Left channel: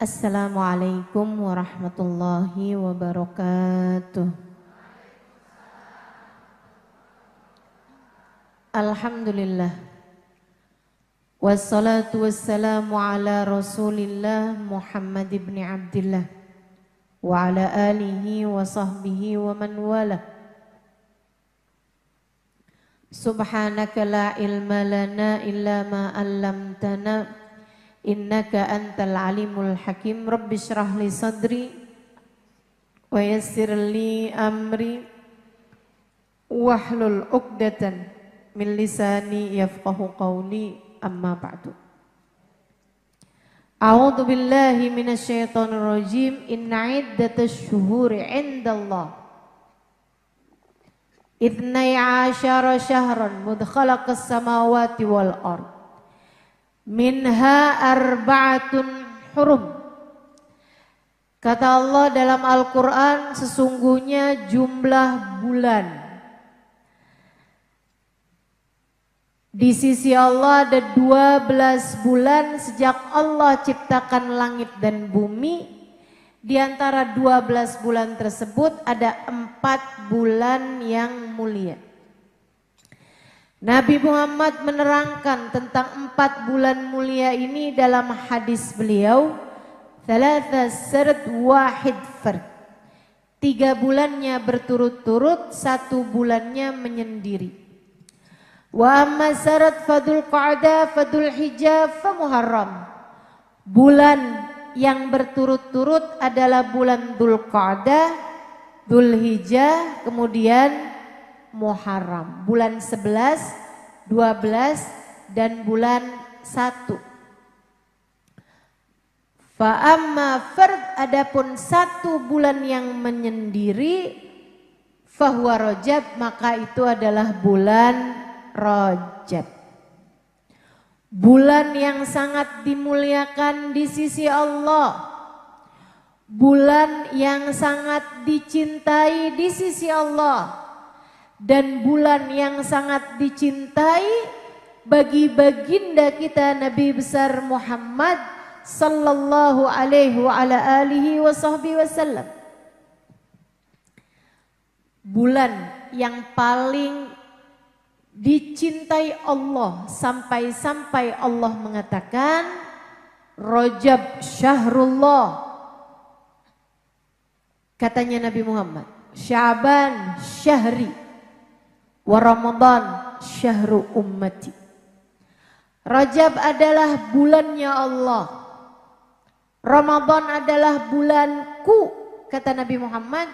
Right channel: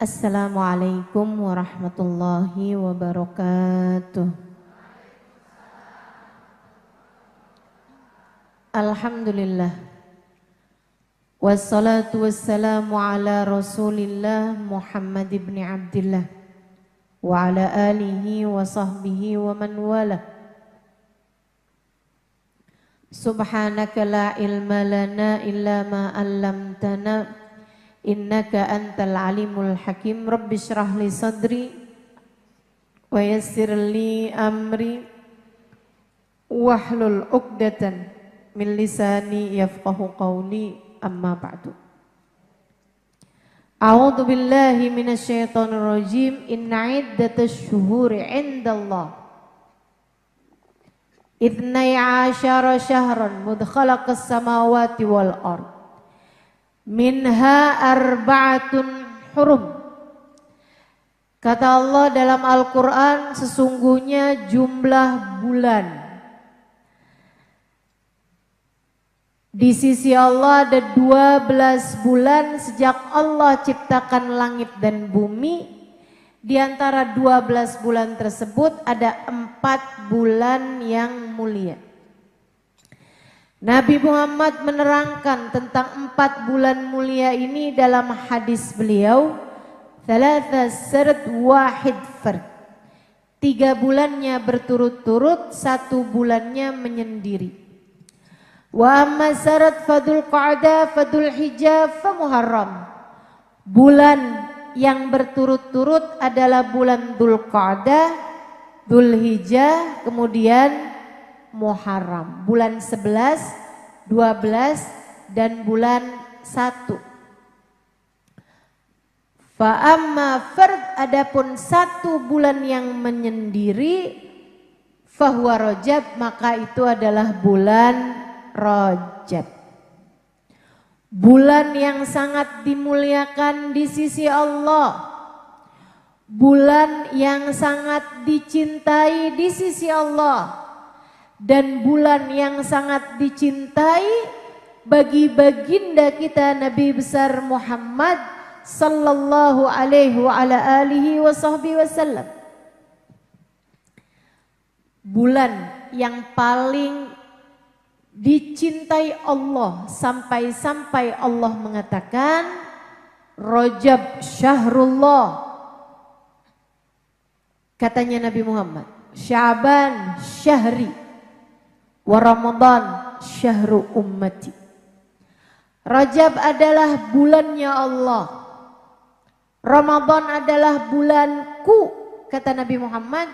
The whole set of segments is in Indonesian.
Assalamualaikum warahmatullahi wabarakatuh. Alhamdulillah. Wassalatu wassalamu ala Rasulillah Muhammad ibn Abdillah wa ala alihi wa sahbihi wa man wala. Subhanaka la ilma lana illa ma 'allamtana innaka antal alimul hakim. Rabbi shrah li sadri wa yassir li amri wahlul 'uqdatan min lisani yafqahu qawli. Amma ba'du. A'udzu billahi minasyaitonir rajim. Inna 'iddatash syuhuri 'indallah ithnai 'asyara syahran mudkhalaqas samawati wal ardh minha arba'atun hurum. Kata Allah dalam Al-Quran, sesungguhnya jumlah bulan di sisi Allah ada 12 bulan sejak Allah ciptakan langit dan bumi. Di antara 12 bulan tersebut ada 4 bulan yang mulia. Nabi Muhammad menerangkan tentang 4 bulan mulia ini dalam hadis beliau, thalatha sard wahid fard. 3 bulannya berturut-turut, 1 bulannya menyendiri. Wa amma sard fadul qa'dah fadul hijjah fa muharram. Bulan yang berturut-turut adalah bulan Dzulqa'dah, Dzulhijjah, kemudian Muharram, bulan 11, 12 dan bulan 1. Fa amma fard, adapun 1 bulan yang menyendiri, fahuwa Rajab, maka itu adalah bulan Rajab. Bulan yang sangat dimuliakan di sisi Allah. Bulan yang sangat dicintai di sisi Allah. Dan bulan yang sangat dicintai bagi baginda kita Nabi besar Muhammad sallallahu alaihi wa ala alihi wa sahbihi wasallam. Bulan yang paling dicintai Allah sampai-sampai Allah mengatakan Rajab syahrullah. Katanya Nabi Muhammad, Sya'ban syahri wa Ramadan syahru ummati. Rajab adalah bulannya Allah. Ramadan adalah bulanku, kata Nabi Muhammad.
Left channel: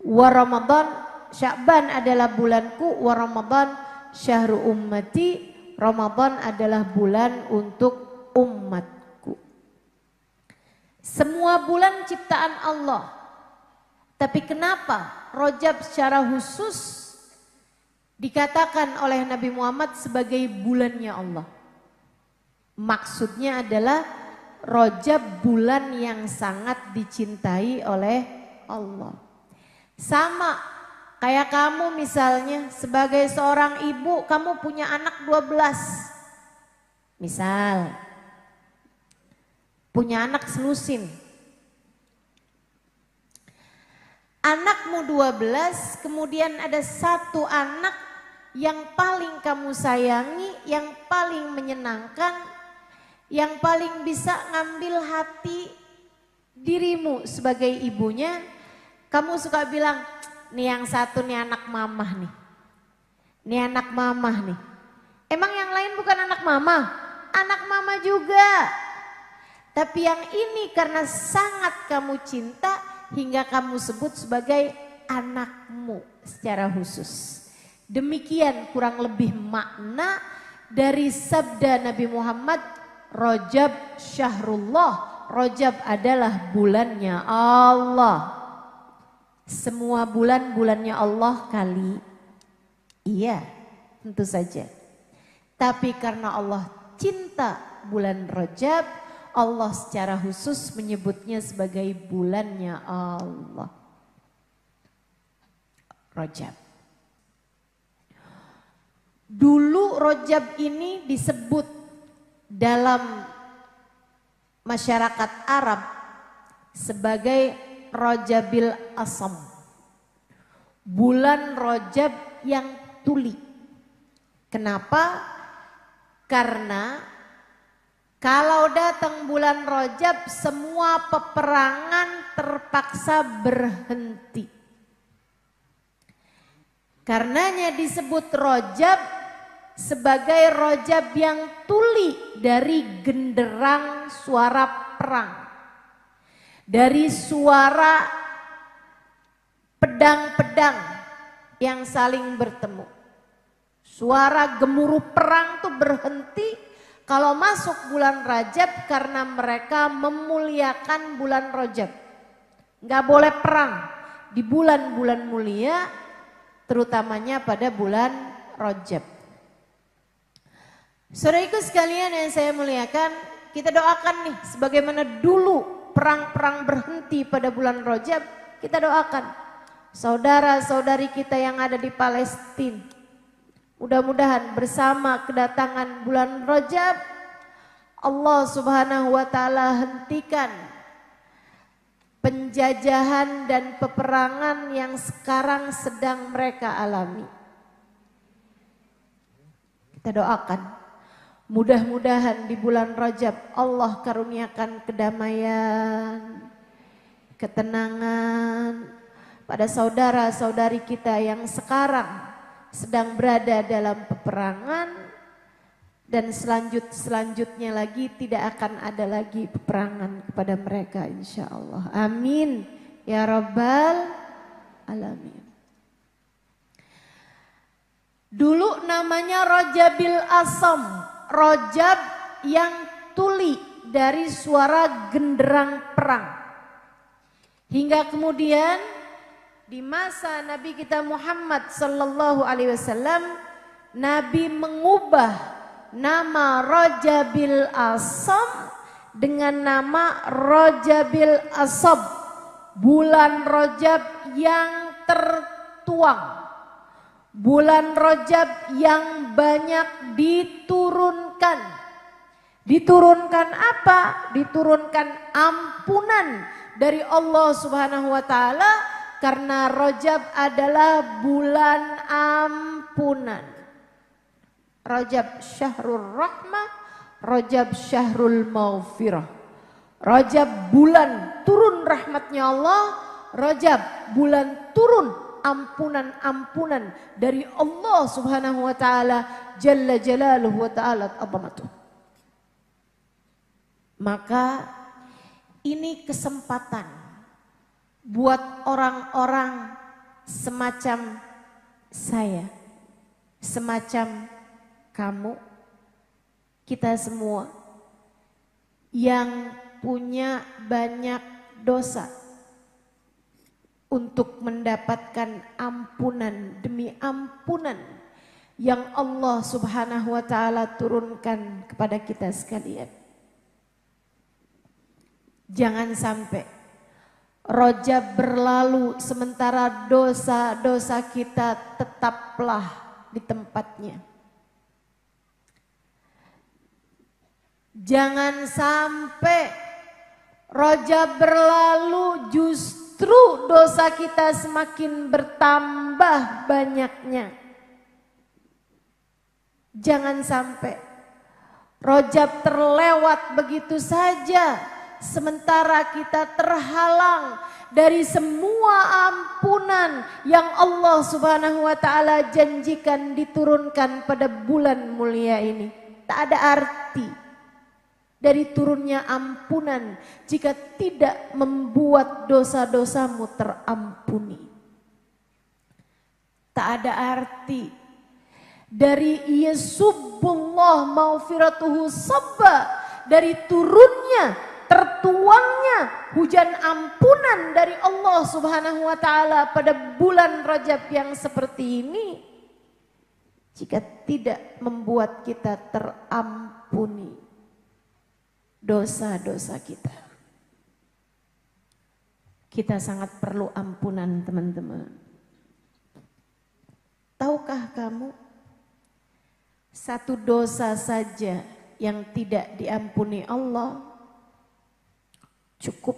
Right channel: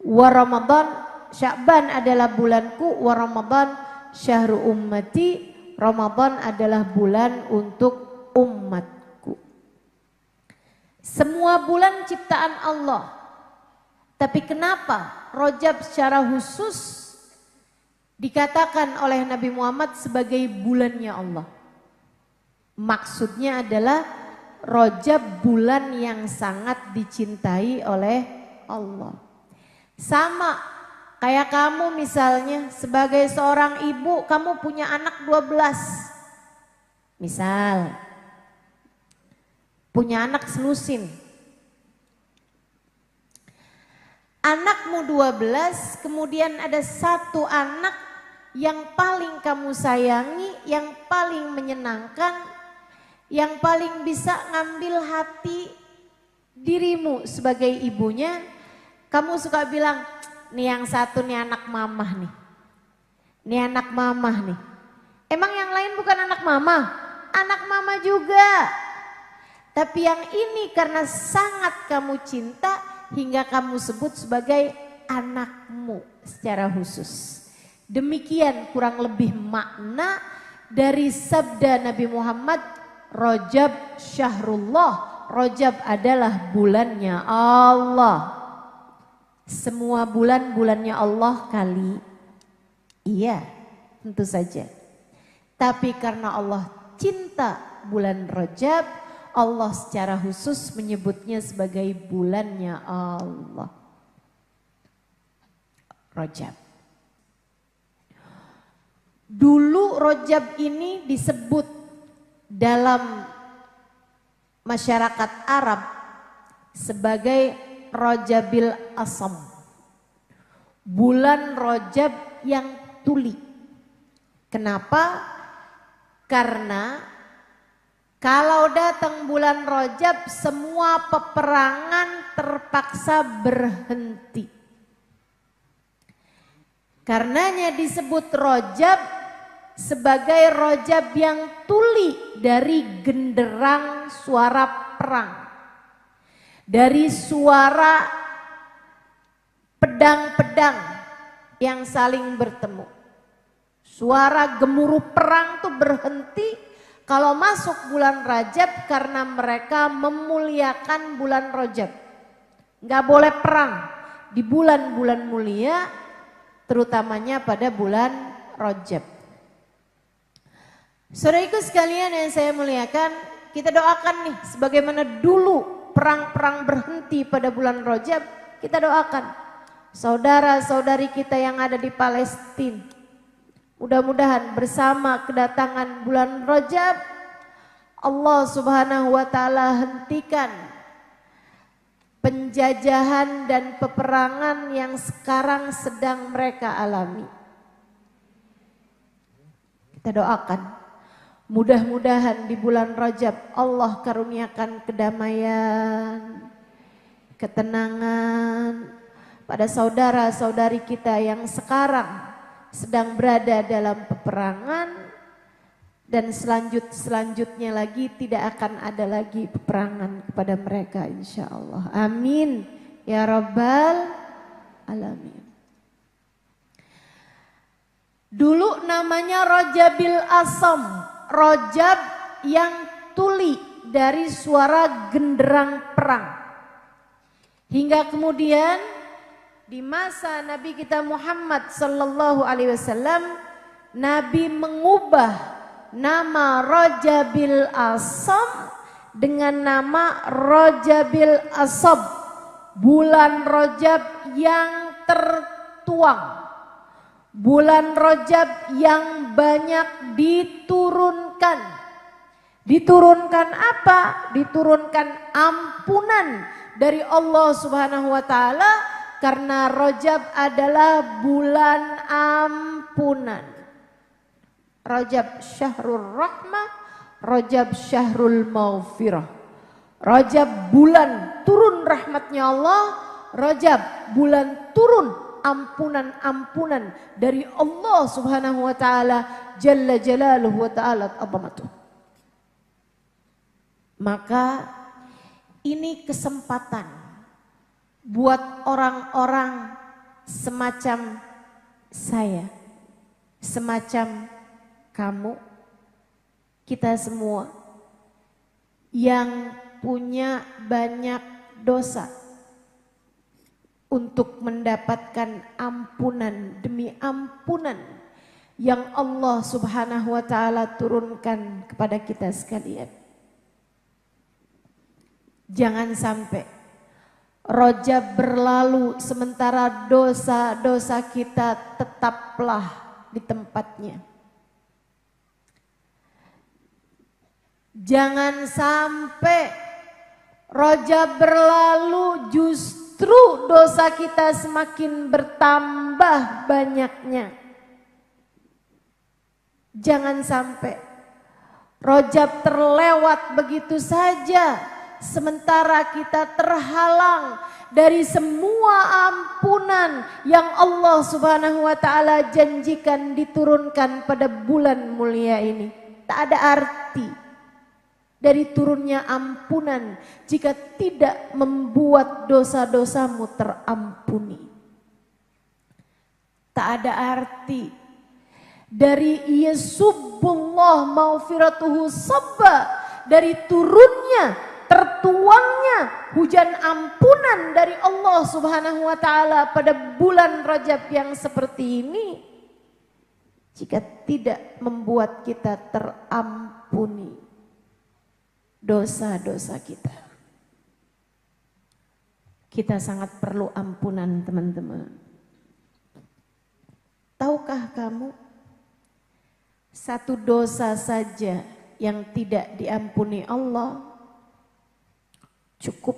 Wa Ramadan, Sya'ban adalah bulanku, wa Ramadan syahru ummati. Ramadan adalah bulan untuk umatku. Semua bulan ciptaan Allah. Tapi kenapa Rajab secara khusus dikatakan oleh Nabi Muhammad sebagai bulannya Allah? Maksudnya adalah Rajab bulan yang sangat dicintai oleh Allah. Sama kayak kamu misalnya sebagai seorang ibu, kamu punya anak 12. Misal punya anak selusin. Anakmu 12, kemudian ada 1 anak yang paling kamu sayangi, yang paling menyenangkan, yang paling bisa ngambil hati dirimu sebagai ibunya. Kamu suka bilang, nih yang satu nih anak mamah nih. Nih anak mamah nih. Emang yang lain bukan anak mama? Anak mama juga. Tapi yang ini karena sangat kamu cinta hingga kamu sebut sebagai anakmu secara khusus. Demikian kurang lebih makna dari sabda Nabi Muhammad, Rajab syahrullah. Rajab adalah bulannya Allah. Semua bulan bulannya Allah kali? Iya, tentu saja. Tapi karena Allah cinta bulan Rajab, Allah secara khusus menyebutnya sebagai bulannya Allah. Rajab. Dulu Rajab ini disebut dalam masyarakat Arab sebagai Rajabil Asam, bulan Rajab yang tuli. Kenapa? Karena kalau datang bulan Rajab semua peperangan terpaksa berhenti. Karenanya disebut Rajab sebagai Rajab yang tuli dari genderang suara perang. Dari suara pedang-pedang yang saling bertemu. Suara gemuruh perang tuh berhenti kalau masuk bulan Rajab karena mereka memuliakan bulan Rajab. Nggak boleh perang di bulan-bulan mulia, terutamanya pada bulan Rajab. Saudaraku sekalian yang saya muliakan, kita doakan nih sebagaimana dulu perang-perang berhenti pada bulan Rajab, kita doakan saudara-saudari kita yang ada di Palestina. Mudah-mudahan bersama kedatangan bulan Rajab, Allah Subhanahu wa taala hentikan penjajahan dan peperangan yang sekarang sedang mereka alami. Kita doakan mudah-mudahan di bulan Rajab Allah karuniakan kedamaian, ketenangan pada saudara-saudari kita yang sekarang sedang berada dalam peperangan, dan selanjutnya lagi tidak akan ada lagi peperangan kepada mereka insya Allah. Amin ya Rabbal Alamin. Dulu namanya Rajabil Asam, Rajab yang tuli dari suara genderang perang. Hingga kemudian di masa Nabi kita Muhammad sallallahu alaihi wasallam, Nabi mengubah nama Rajabil Asam dengan nama Rajabil Asab, bulan Rajab yang tertuang. Bulan Rajab yang banyak diturunkan. Diturunkan apa? Diturunkan ampunan dari Allah Subhanahu wa taala, karena Rajab adalah bulan ampunan. Rajab syahrul rahmah, Rajab syahrul maghfirah. Rajab bulan turun rahmatnya Allah, Rajab bulan turun ampunan-ampunan dari Allah Subhanahu wa taala jalla jalaluhu wa ta'ala azamatuh. Maka ini kesempatan buat orang-orang semacam saya, semacam kamu, kita semua yang punya banyak dosa, untuk mendapatkan ampunan demi ampunan yang Allah Subhanahu wa taala turunkan kepada kita sekalian. Jangan sampai Rajab berlalu sementara dosa-dosa kita tetaplah di tempatnya. Jangan sampai Rajab berlalu justru dosa kita semakin bertambah banyaknya. Jangan sampai Rajab terlewat begitu saja sementara kita terhalang dari semua ampunan yang Allah Subhanahu wa taala janjikan diturunkan pada bulan mulia ini. Tak ada arti dari turunnya ampunan jika tidak membuat dosa-dosamu terampuni. Tak ada arti dari yasubbullah maghfiratuhu sabba, dari turunnya, tertuangnya hujan ampunan dari Allah Subhanahu wa taala pada bulan Rajab yang seperti ini, jika tidak membuat kita terampuni dosa-dosa kita. Kita sangat perlu ampunan, teman-teman. Tahukah kamu, satu dosa saja yang tidak diampuni Allah cukup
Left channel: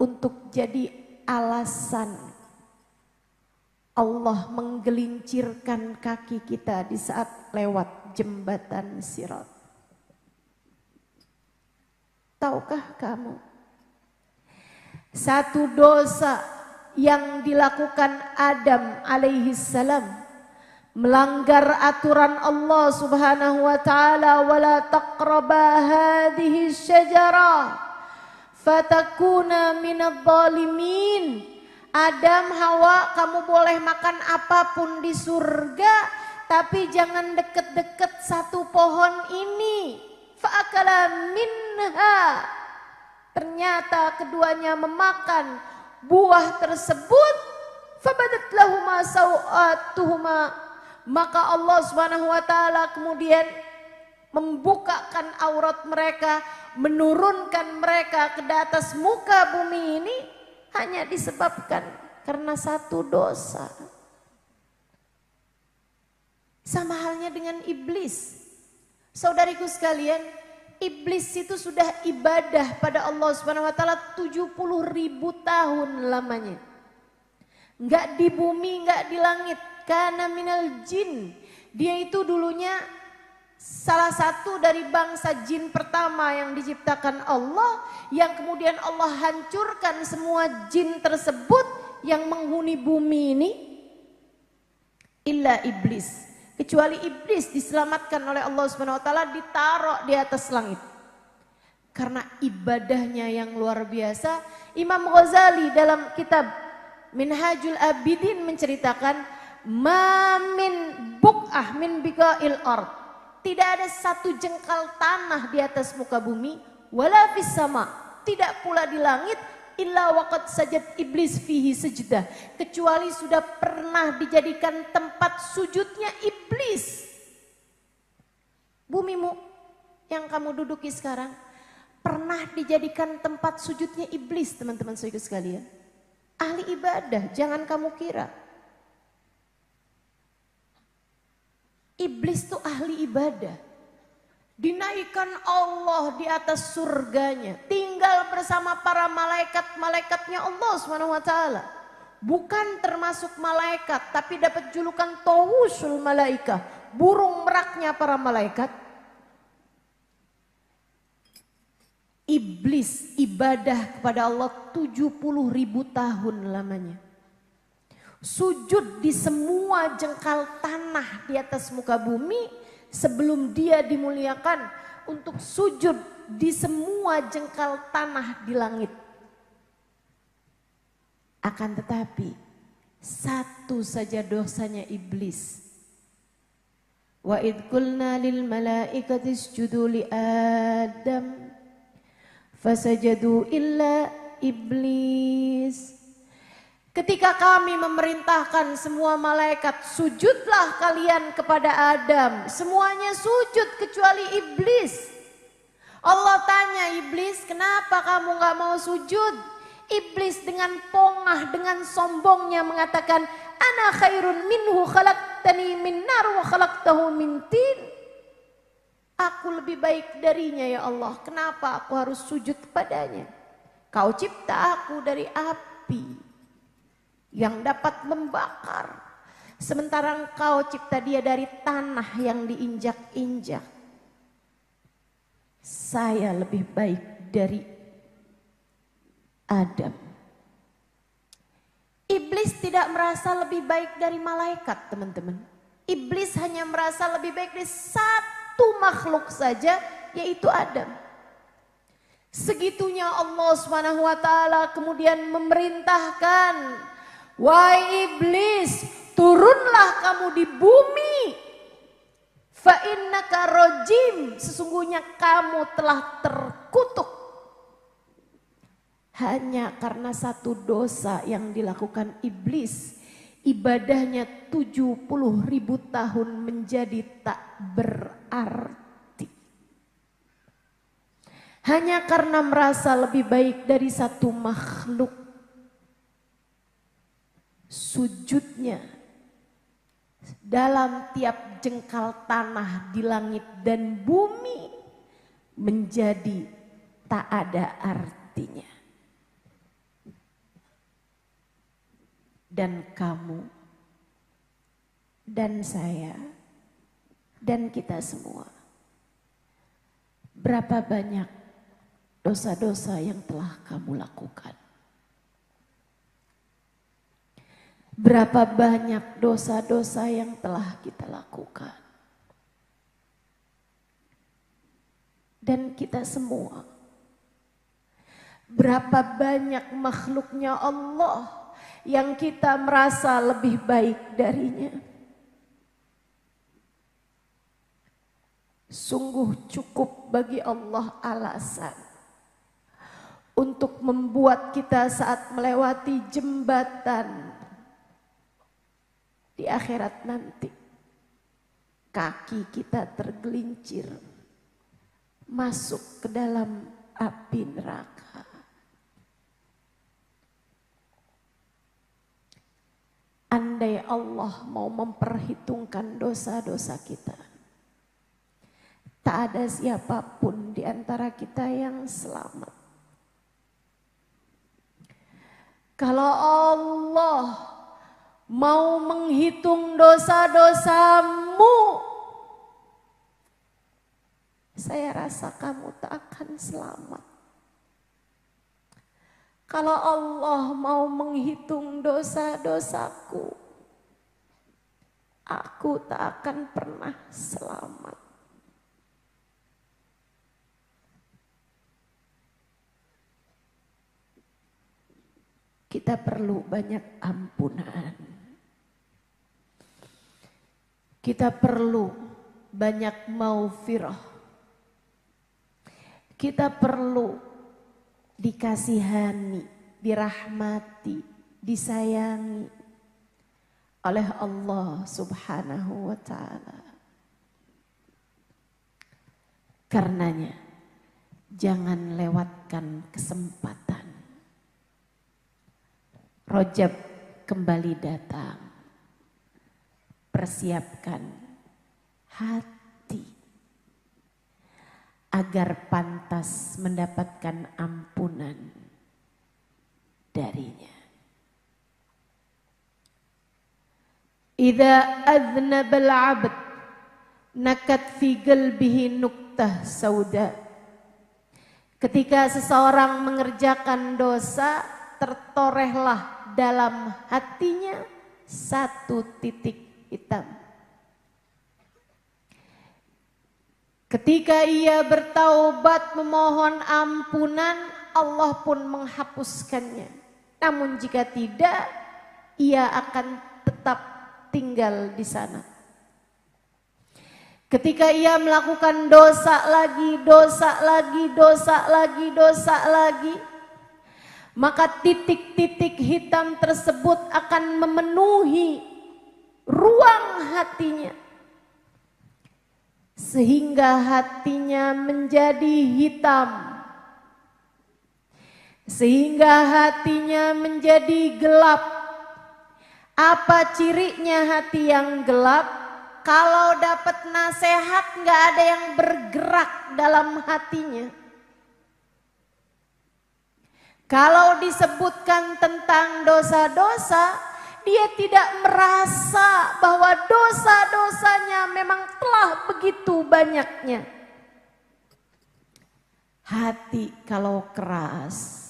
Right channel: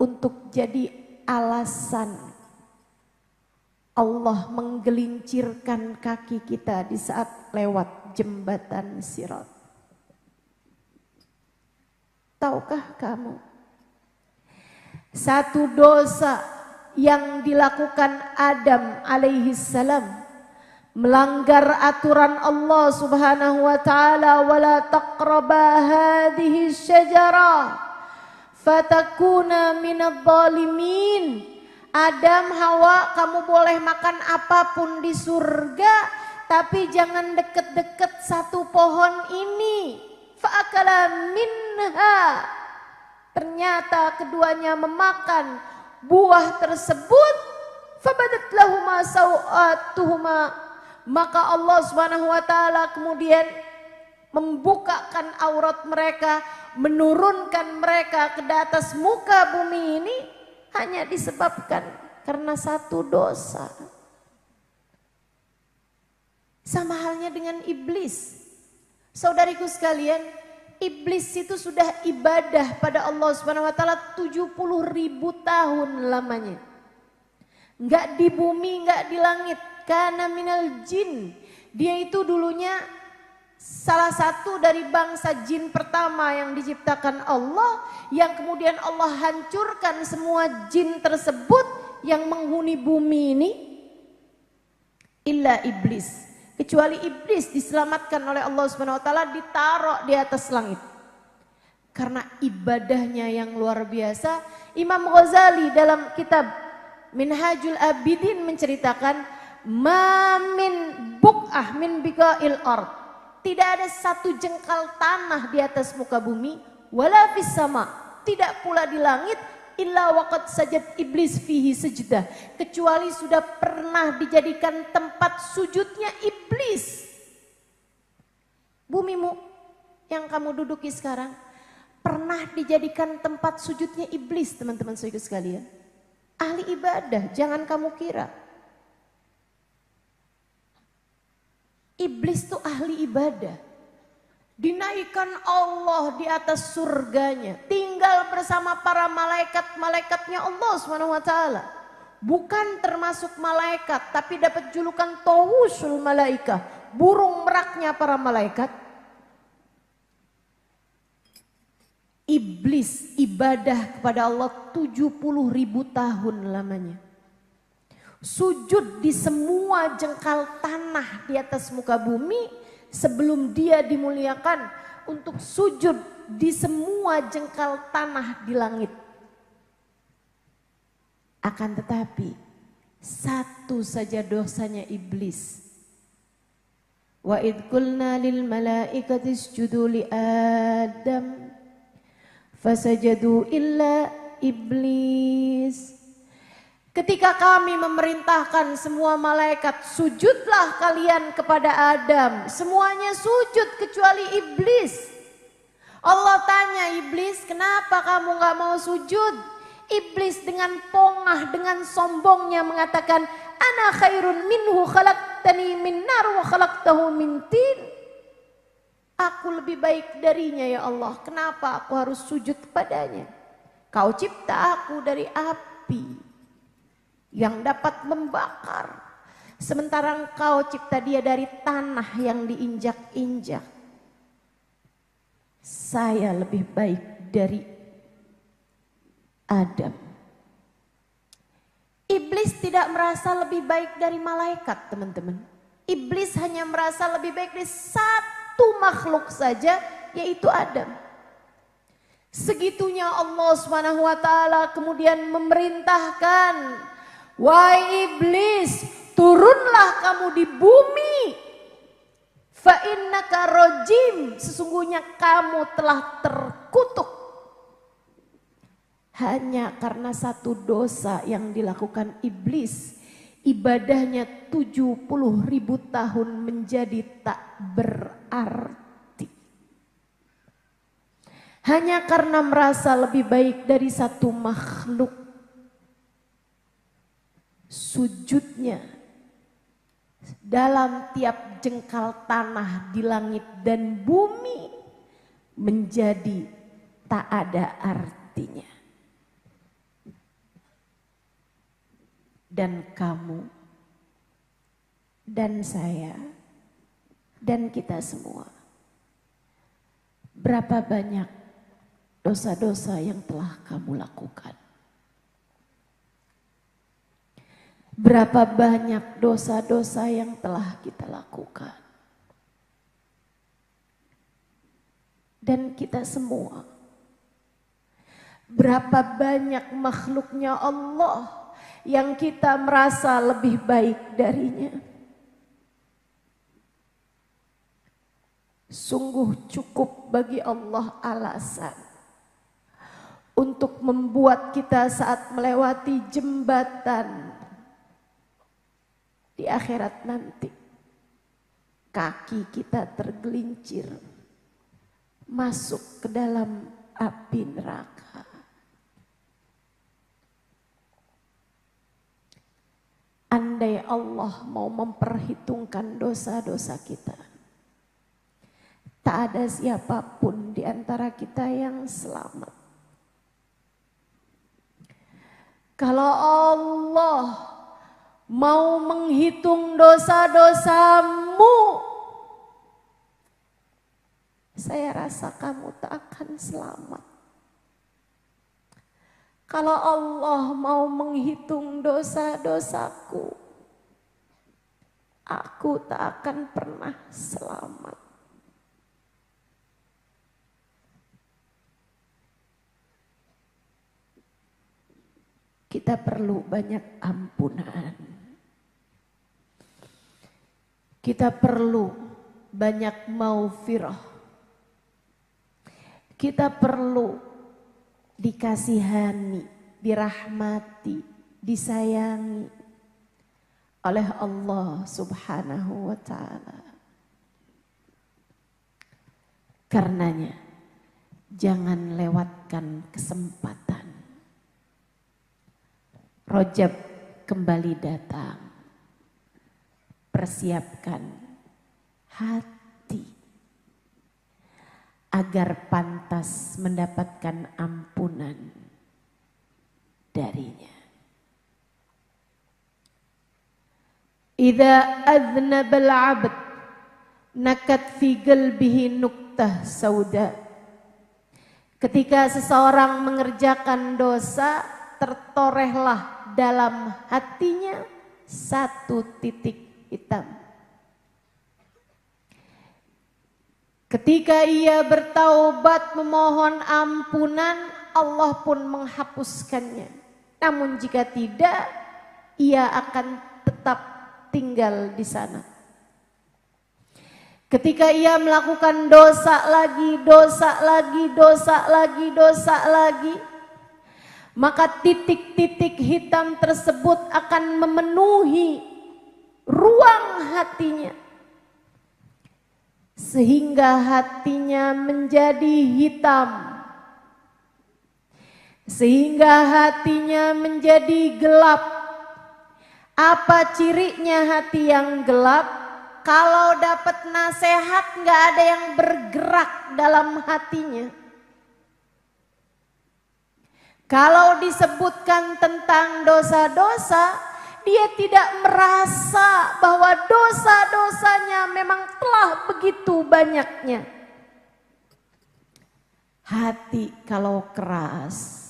untuk jadi alasan Allah menggelincirkan kaki kita di saat lewat jembatan Sirat. Tahukah kamu, satu dosa yang dilakukan Adam alaihi salam melanggar aturan Allah Subhanahu wa taala, wala taqraba hadhihi syajarah fatakuna minadh dhalimin. Adam, Hawa, kamu boleh makan apapun di surga, tapi jangan deket-deket satu pohon ini. Fa'akala minha. Ternyata keduanya memakan buah tersebut. Fabadat lahuma sawatuhuma. Maka Allah Subhanahu wa taala kemudian membukakan aurat mereka, menurunkan mereka ke atas muka bumi ini. Hanya disebabkan karena satu dosa. Sama halnya dengan iblis. Saudariku sekalian, iblis itu sudah ibadah pada Allah Subhanahu wa taala 70.000 tahun lamanya. Enggak di bumi, enggak di langit. Kana minal jin. Dia itu dulunya salah satu dari bangsa jin pertama yang diciptakan Allah, yang kemudian Allah hancurkan semua jin tersebut yang menghuni bumi ini, illa iblis. Kecuali iblis diselamatkan oleh Allah Subhanahu wa taala, ditaruh di atas langit. Karena ibadahnya yang luar biasa. Imam Ghazali dalam kitab Minhajul Abidin menceritakan, ma min buq'ah min biqa'il ard. Tidak ada satu jengkal tanah di atas muka bumi, wala fis sama, tidak pula di langit, illa waqad sajad iblis fihi sajdah, kecuali sudah pernah dijadikan tempat sujudnya iblis. Bumimu yang kamu duduki sekarang pernah dijadikan tempat sujudnya iblis, teman-teman saudara sekalian. Ahli ibadah, jangan kamu kira. Iblis itu ahli ibadah. Dinaikkan Allah di atas surganya. Tinggal bersama para malaikat-malaikatnya Allah SWT. Bukan termasuk malaikat, tapi dapat julukan tawusul malaikah. Burung meraknya para malaikat. Iblis ibadah kepada Allah 70.000 tahun lamanya. Sujud di semua jengkal tanah di atas muka bumi sebelum dia dimuliakan untuk sujud di semua jengkal tanah di langit. Akan tetapi satu saja dosanya iblis. Wa idh qulna lil malaikati isjudu li Adam fasajadu illa iblis. Ketika kami memerintahkan semua malaikat, sujudlah kalian kepada Adam. Semuanya sujud kecuali iblis. Allah tanya iblis, kenapa kamu gak mau sujud? Iblis dengan pongah, dengan sombongnya mengatakan, ana khairun minhu khalaqtani min nar wa khalaqtahu min tin. Aku lebih baik darinya ya Allah. Kenapa aku harus sujud kepadanya? Kau cipta aku dari api yang dapat membakar, sementara engkau cipta dia dari tanah yang diinjak-injak. Saya lebih baik dari Adam. Iblis tidak merasa lebih baik dari malaikat, teman-teman. Iblis hanya merasa lebih baik dari satu makhluk saja, yaitu Adam. Segitunya Allah Subhanahu wa taala kemudian memerintahkan, wahai iblis, turunlah kamu di bumi. Fa innaka rajim, sesungguhnya kamu telah terkutuk. Hanya karena satu dosa yang dilakukan iblis, ibadahnya 70.000 tahun menjadi tak berarti. Hanya karena merasa lebih baik dari satu makhluk, sujudnya dalam tiap jengkal tanah di langit dan bumi menjadi tak ada arti. hatinya. Dan kamu, dan saya, dan kita semua. Berapa banyak dosa-dosa yang telah kamu lakukan? Berapa banyak dosa-dosa yang telah kita lakukan? Dan kita semua. Berapa banyak makhluknya Allah yang kita merasa lebih baik darinya? Sungguh cukup bagi Allah alasan untuk membuat kita saat melewati jembatan di akhirat nanti, kaki kita tergelincir masuk ke dalam api neraka. Andai Allah mau memperhitungkan dosa-dosa kita, tak ada siapapun di antara kita yang selamat. Kalau Allah mau menghitung dosa-dosamu, saya rasa kamu tak akan selamat. Kalau Allah mau menghitung dosa-dosaku, aku tak akan pernah selamat. Kita perlu banyak ampunan. Kita perlu banyak maufirah. Kita perlu dikasihani, dirahmati, disayangi oleh Allah Subhanahu wa ta'ala. Karenanya jangan lewatkan kesempatan. Rajab kembali datang. Persiapkan hati agar pantas mendapatkan ampunan darinya. Idza adznaba al-'abd nakat fi qalbihi nuktah sauda. Ketika seseorang mengerjakan dosa, tertorehlah dalam hatinya satu titik hitam. Ketika ia bertaubat memohon ampunan, Allah pun menghapuskannya. Namun jika tidak, ia akan tetap tinggal di sana. Ketika ia melakukan dosa lagi, maka titik-titik hitam tersebut akan memenuhi ruang hatinya. Sehingga hatinya menjadi hitam. Sehingga hatinya menjadi gelap. Apa cirinya hati yang gelap? Kalau dapat nasihat nggak ada yang bergerak dalam hatinya. Kalau disebutkan tentang dosa-dosa, dia tidak merasa bahwa dosa-dosanya memang telah begitu banyaknya. Hati kalau keras,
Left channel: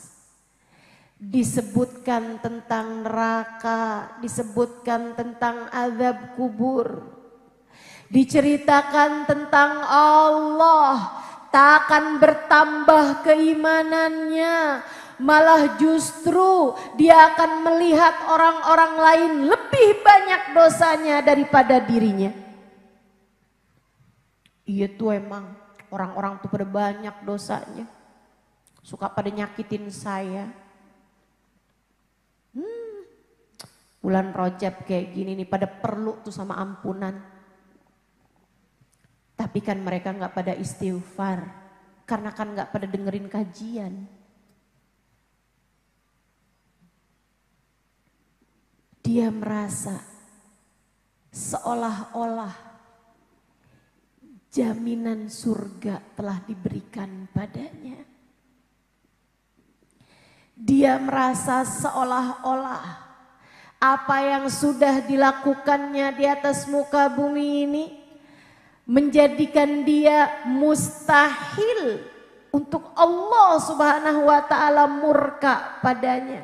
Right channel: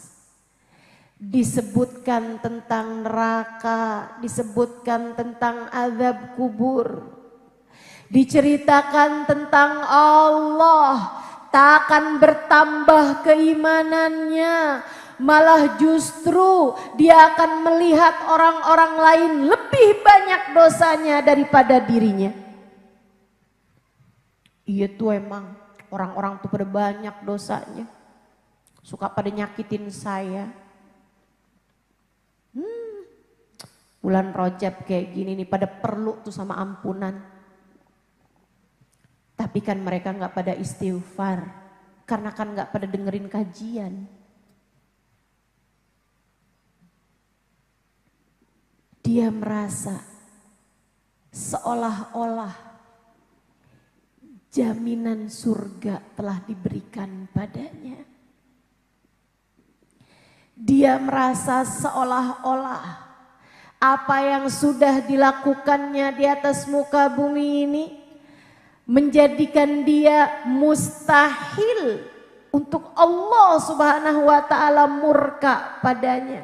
disebutkan tentang neraka, disebutkan tentang azab kubur, diceritakan tentang Allah, tak akan bertambah keimanannya. Malah justru dia akan melihat orang-orang lain lebih banyak dosanya daripada dirinya. Iya tuh emang orang-orang tuh pada banyak dosanya. Suka pada nyakitin saya. Bulan Rajab kayak gini nih pada perlu tuh sama ampunan. Tapi kan mereka gak pada istighfar. Karena kan gak pada dengerin kajian. Dia merasa seolah-olah jaminan surga telah diberikan padanya. Dia merasa seolah-olah apa yang sudah dilakukannya di atas muka bumi ini menjadikan dia mustahil untuk Allah Subhanahu wa ta'ala murka padanya.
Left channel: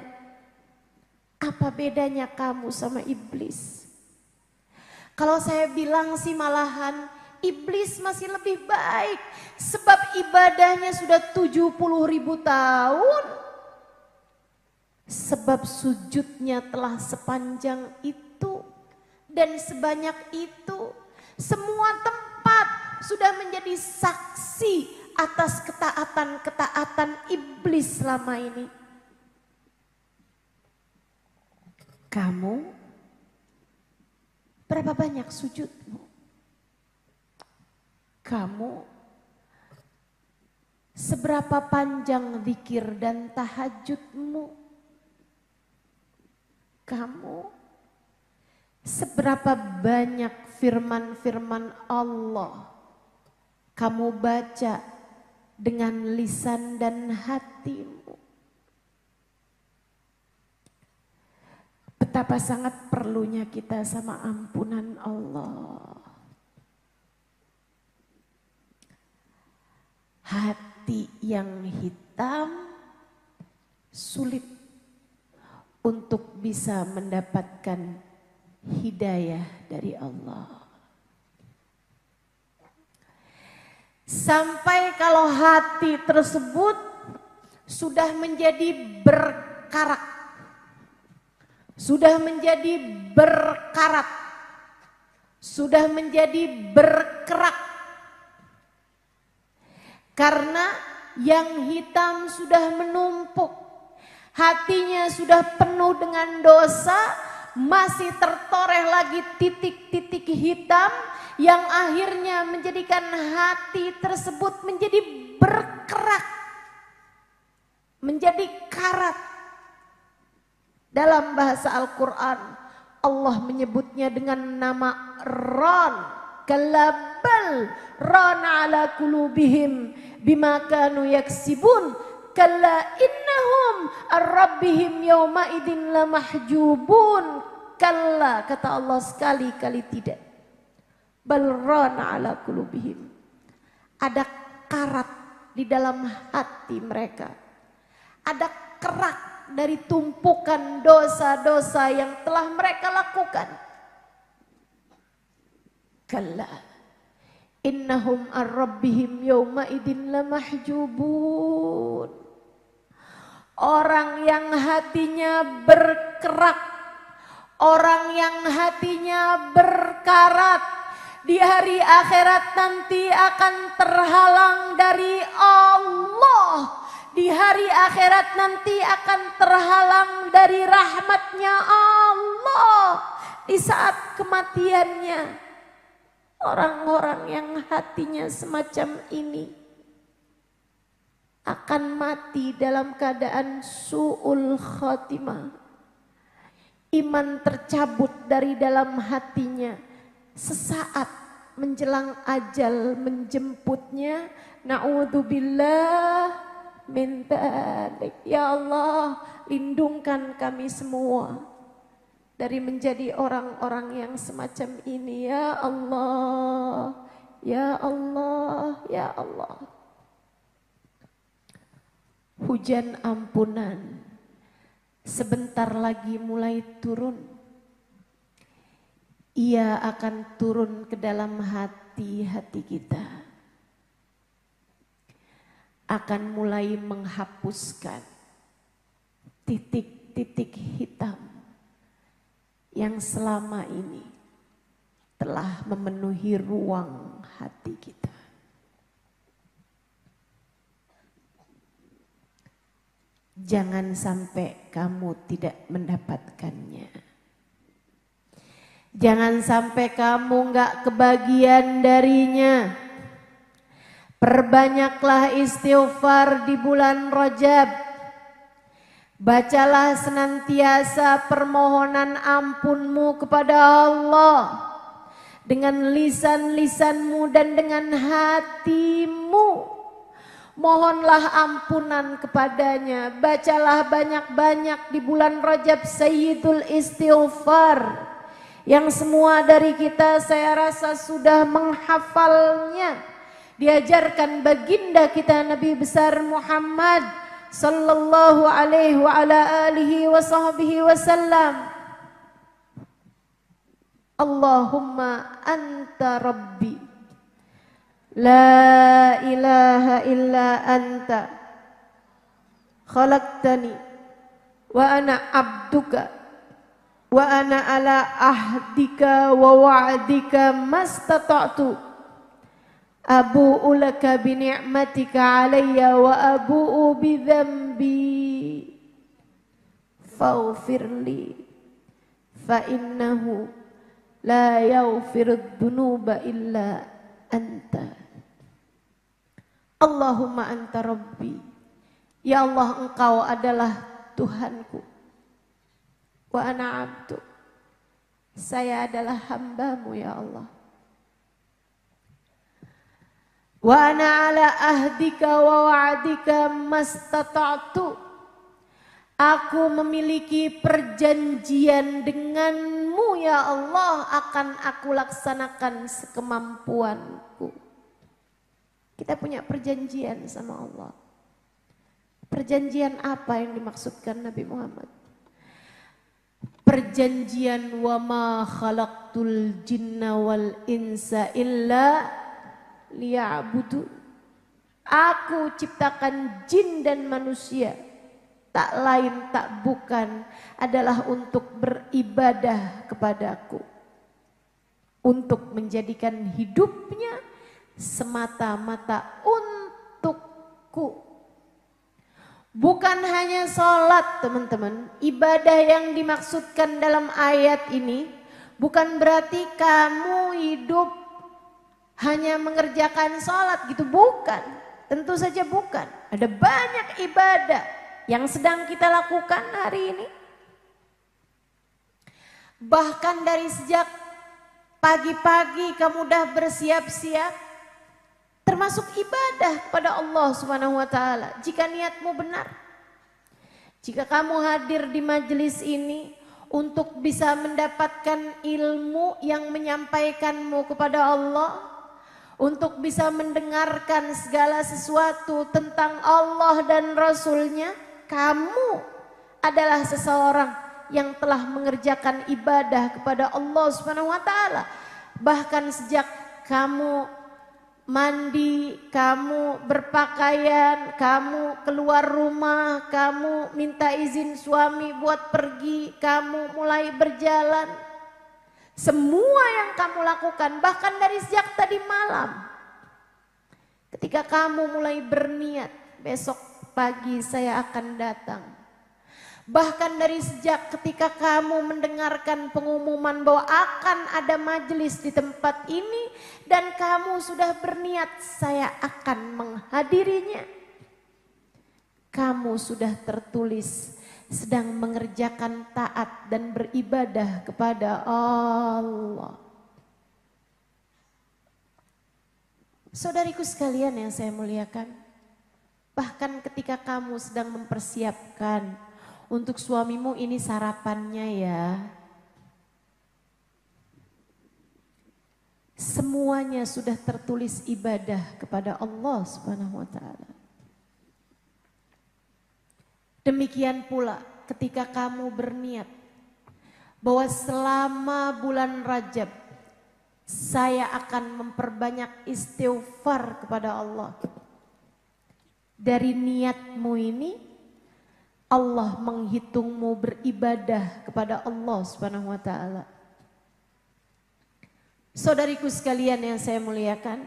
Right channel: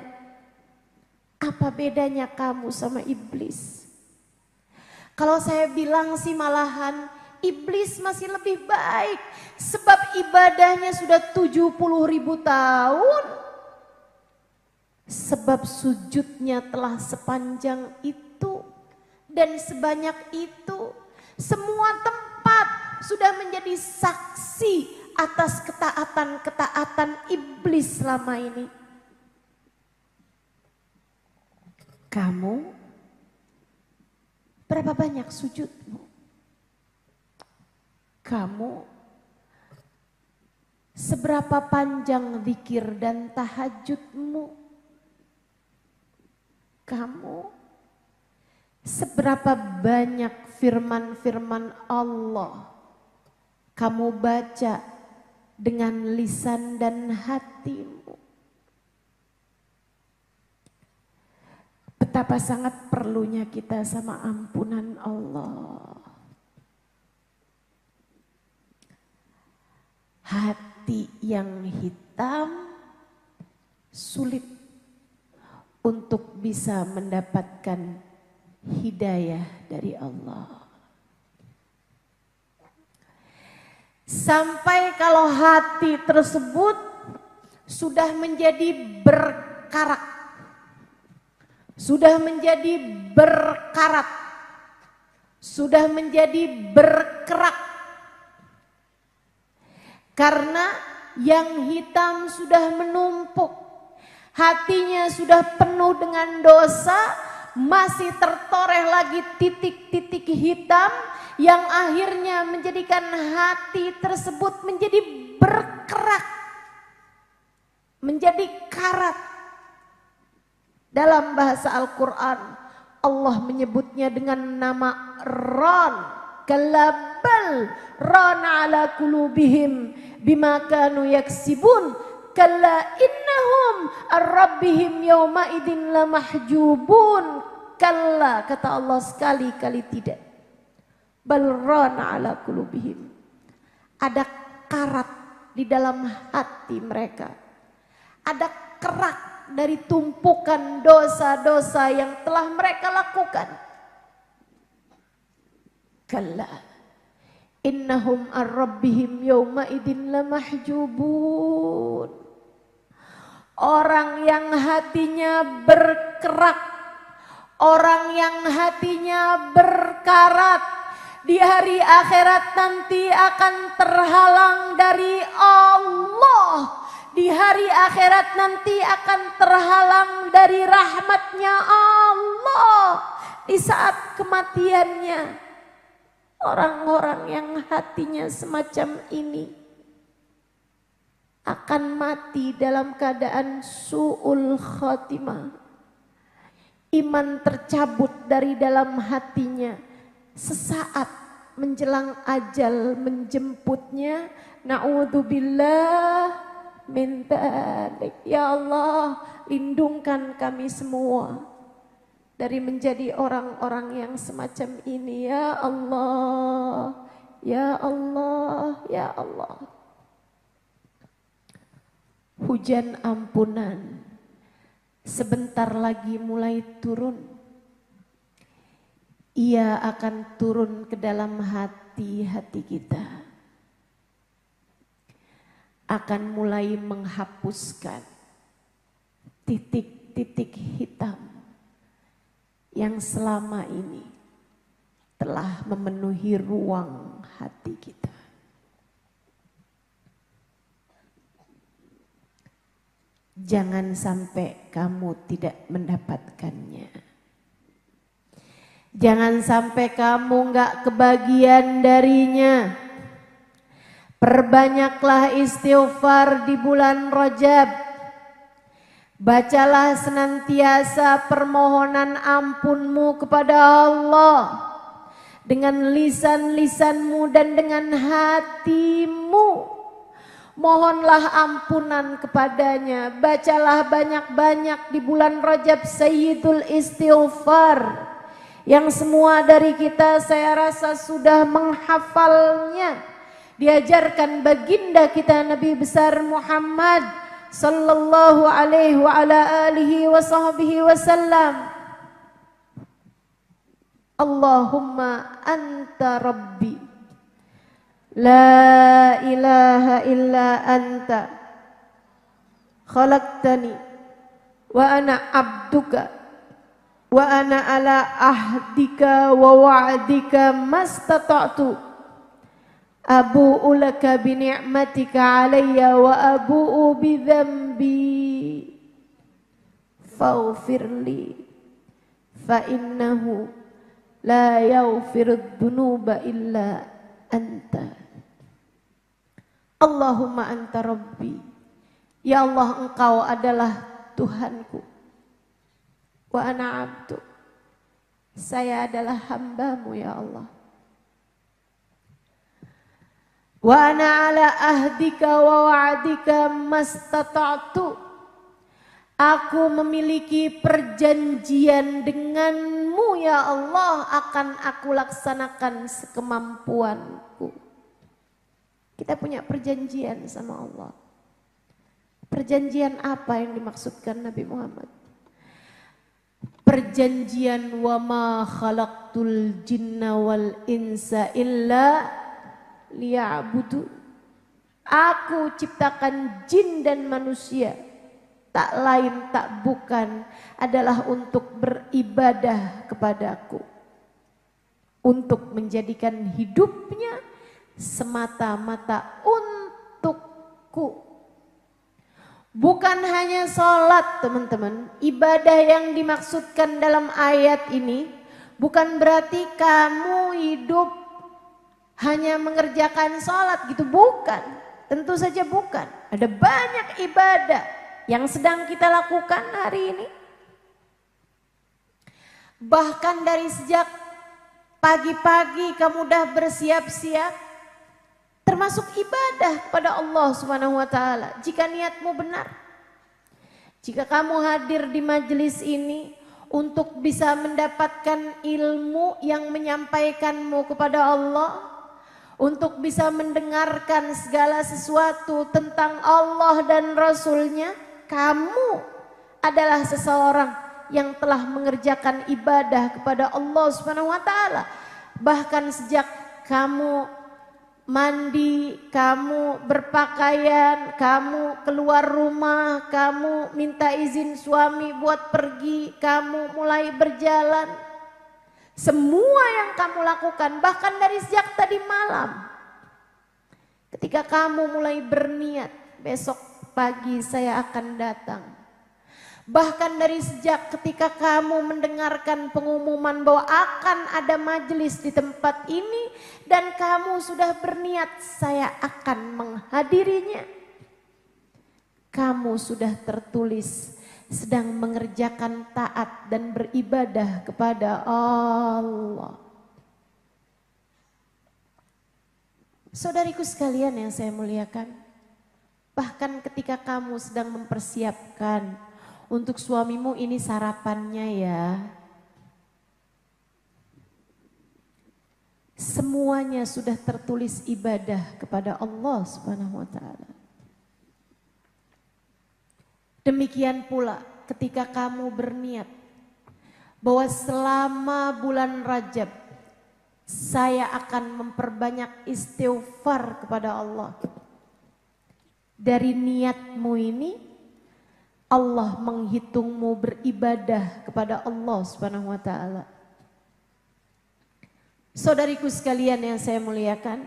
Apa bedanya kamu sama iblis? Kalau saya bilang sih malahan iblis masih lebih baik. Sebab ibadahnya sudah 70.000 tahun. Sebab sujudnya telah sepanjang itu dan sebanyak itu. Semua tempat sudah menjadi saksi atas ketaatan-ketaatan iblis selama ini. Kamu berapa banyak sujudmu? Kamu seberapa panjang zikir dan tahajudmu? Kamu seberapa banyak firman-firman Allah kamu baca dengan lisan dan hatimu? Betapa sangat perlunya kita sama ampunan Allah. Hati yang hitam sulit untuk bisa mendapatkan hidayah dari Allah. Sampai kalau hati tersebut sudah menjadi berkarat, sudah menjadi berkarat, sudah menjadi berkerak. Karena yang hitam sudah menumpuk, hatinya sudah penuh dengan dosa, masih tertoreh lagi titik-titik hitam yang akhirnya menjadikan hati tersebut menjadi berkerak, menjadi karat. Dalam bahasa Al-Quran Allah menyebutnya dengan nama Ran. Kalabal Ran ala kulubihim bima kanu yaksibun. Kalla innahum ar-rabbihim yawma idin lamahjubun. Kalla, kata Allah, sekali-kali tidak. Balrana ala kulubihim. Ada karat di dalam hati mereka. Ada kerak dari tumpukan dosa-dosa yang telah mereka lakukan. Kalla innahum ar-rabbihim yawma idin lamahjubun. Orang yang hatinya berkerak, orang yang hatinya berkarat, di hari akhirat nanti akan terhalang dari Allah. Di hari akhirat nanti akan terhalang dari rahmatnya Allah. Di saat kematiannya, orang-orang yang hatinya semacam ini akan mati dalam keadaan su'ul khatimah. Iman tercabut dari dalam hatinya sesaat menjelang ajal menjemputnya. Na'udzubillah min dzalik. Ya Allah, lindungkan kami semua dari menjadi orang-orang yang semacam ini. Ya Allah, ya Allah, ya Allah. Hujan ampunan sebentar lagi mulai turun. Ia akan turun ke dalam hati-hati kita. Akan mulai menghapuskan titik-titik hitam yang selama ini telah memenuhi ruang hati kita. Jangan sampai kamu tidak mendapatkannya. Jangan sampai kamu gak kebagian darinya. Perbanyaklah istighfar di bulan Rajab. Bacalah senantiasa permohonan ampunmu kepada Allah dengan lisan-lisanmu dan dengan hatimu. Mohonlah ampunan kepadanya. Bacalah banyak-banyak di bulan Rajab Sayyidul Istighfar. Yang semua dari kita saya rasa sudah menghafalnya. Diajarkan baginda kita Nabi besar Muhammad sallallahu alaihi wa ala alihi wa sahbihi wasallam. Allahumma anta rabbi. La ilaha illa anta khalaqtani wa ana abduka wa ana ala ahdika wa wa'dika mastata'tu abu'u laka bi ni'matika alayya wa abu'u bi dhanbi faghfirli fa innahu la yaghfirudz dzunuba illa anta. Allahumma anta rabbi. Ya Allah, engkau adalah Tuhanku. Wa ana abdu. Saya adalah hambamu ya Allah. Wa ana ala ahdika wa wa'dika mastata'tu. Aku memiliki perjanjian denganmu ya Allah, akan aku laksanakan sekemampuanku. Kita punya perjanjian sama Allah. Perjanjian apa yang dimaksudkan Nabi Muhammad? Perjanjian wa ma khalaqtul jinna wal insa illa liya'budu. Aku ciptakan jin dan manusia, tak lain tak bukan adalah untuk beribadah kepadaku. Untuk menjadikan hidupnya semata-mata untukku. Bukan hanya sholat teman-teman. Ibadah yang dimaksudkan dalam ayat ini bukan berarti kamu hidup hanya mengerjakan sholat gitu, bukan. Tentu saja bukan. Ada banyak ibadah yang sedang kita lakukan hari ini. Bahkan dari sejak pagi-pagi kamu udah bersiap-siap, termasuk ibadah kepada Allah Subhanahu wa taala. Jika niatmu benar. Jika kamu hadir di majelis ini untuk bisa mendapatkan ilmu yang menyampaikanmu kepada Allah, untuk bisa mendengarkan segala sesuatu tentang Allah dan Rasul-Nya, kamu adalah seseorang yang telah mengerjakan ibadah kepada Allah Subhanahu wa taala. Bahkan sejak kamu mandi, kamu berpakaian, kamu keluar rumah, kamu minta izin suami buat pergi, kamu mulai berjalan. Semua yang kamu lakukan, bahkan dari sejak tadi malam. Ketika kamu mulai berniat, besok pagi saya akan datang. Bahkan dari sejak ketika kamu mendengarkan pengumuman bahwa akan ada majelis di tempat ini dan kamu sudah berniat saya akan menghadirinya. Kamu sudah tertulis sedang mengerjakan taat dan beribadah kepada Allah. Saudariku sekalian yang saya muliakan, bahkan ketika kamu sedang mempersiapkan untuk suamimu ini sarapannya ya. Semuanya sudah tertulis ibadah kepada Allah Subhanahu wa taala. Demikian pula ketika kamu berniat bahwa selama bulan Rajab saya akan memperbanyak istighfar kepada Allah. Dari niatmu ini Allah menghitungmu beribadah kepada Allah Subhanahu wa taala. Saudariku sekalian yang saya muliakan,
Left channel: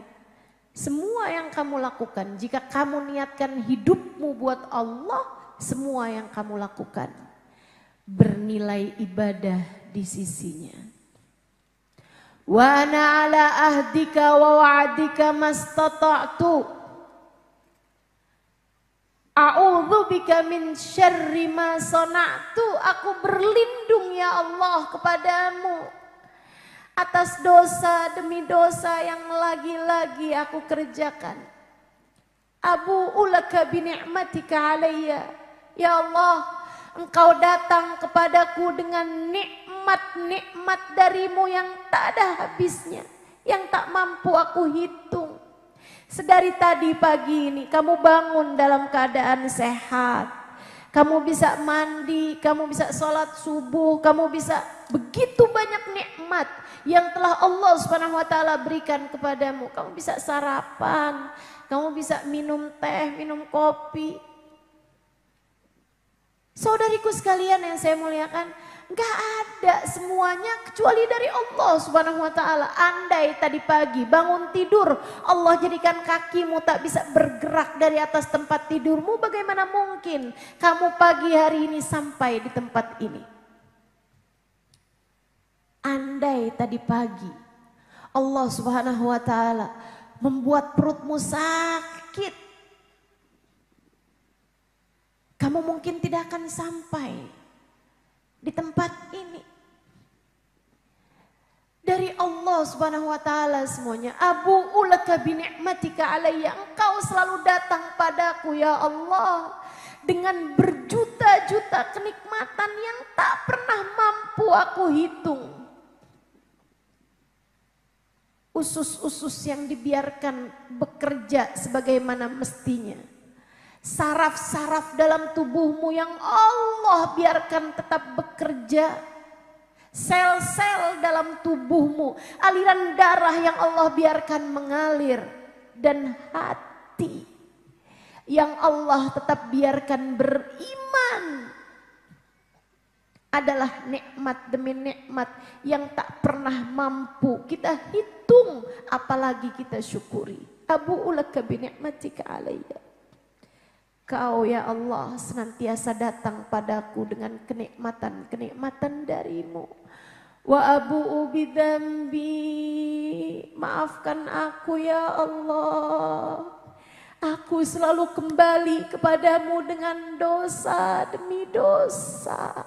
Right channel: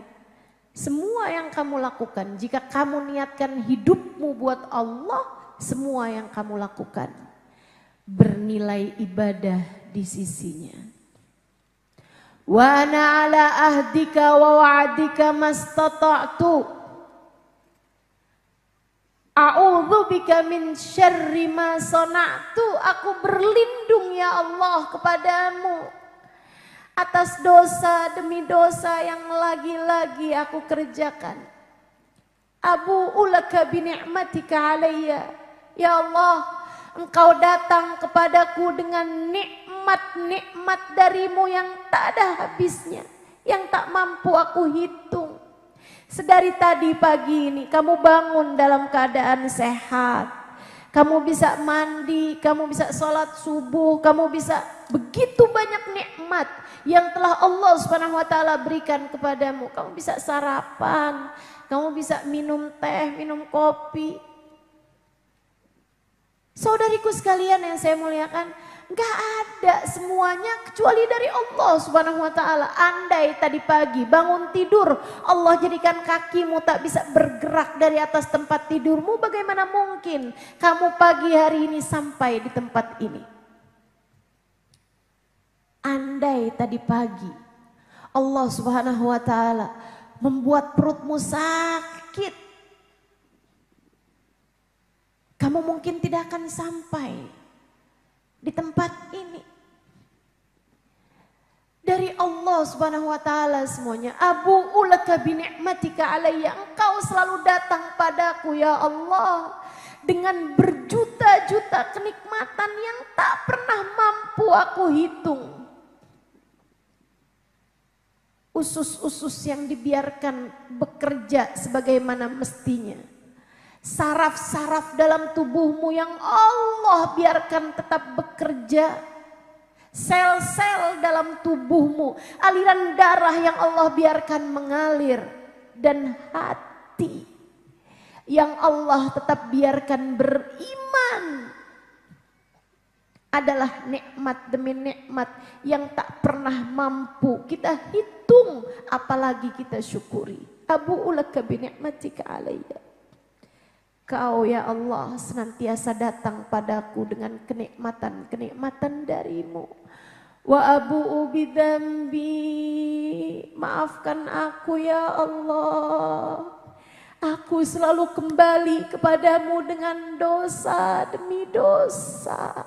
semua yang kamu lakukan, jika kamu niatkan hidupmu buat Allah, semua yang kamu lakukan bernilai ibadah di sisinya. Wa ana ala ahdika wa wa'dika mastata'tu. A'udzubika min syarri ma sana'tu. Aku berlindung ya Allah kepadamu atas dosa demi dosa yang lagi-lagi aku kerjakan. Abu'u laka bi ni'matika alayya. Ya Allah, Engkau datang kepadaku dengan nikmat-nikmat darimu yang tak ada habisnya, yang tak mampu aku hitung. Sedari tadi pagi ini kamu bangun dalam keadaan sehat. Kamu bisa mandi, kamu bisa sholat subuh, kamu bisa begitu banyak nikmat yang telah Allah Subhanahu wa taala berikan kepadamu. Kamu bisa sarapan, kamu bisa minum teh, minum kopi. Saudariku sekalian yang saya muliakan, gak ada semuanya kecuali dari Allah Subhanahu wa taala. Andai tadi pagi bangun tidur, Allah jadikan kakimu tak bisa bergerak dari atas tempat tidurmu, bagaimana mungkin kamu pagi hari ini sampai di tempat ini? Andai tadi pagi Allah Subhanahu wa taala membuat perutmu sakit, kamu mungkin tidak akan sampai di tempat ini. Dari Allah Subhanahu wa taala semuanya. Abu'u laka bi ni'matika alayya. Engkau selalu datang padaku ya Allah dengan berjuta-juta kenikmatan yang tak pernah mampu aku hitung. Usus-usus yang dibiarkan bekerja sebagaimana mestinya. Saraf-saraf dalam tubuhmu yang Allah biarkan tetap bekerja. Sel-sel dalam tubuhmu, aliran darah yang Allah biarkan mengalir. Dan hati yang Allah tetap biarkan beriman adalah nikmat demi nikmat yang tak pernah mampu kita hitung, apalagi kita syukuri. Abu'u laka bi ni'matika alayya. Kau ya Allah senantiasa datang padaku dengan kenikmatan-kenikmatan darimu. Wa abu'u bidzambi. Maafkan aku ya Allah. Aku selalu kembali kepadamu dengan dosa demi dosa.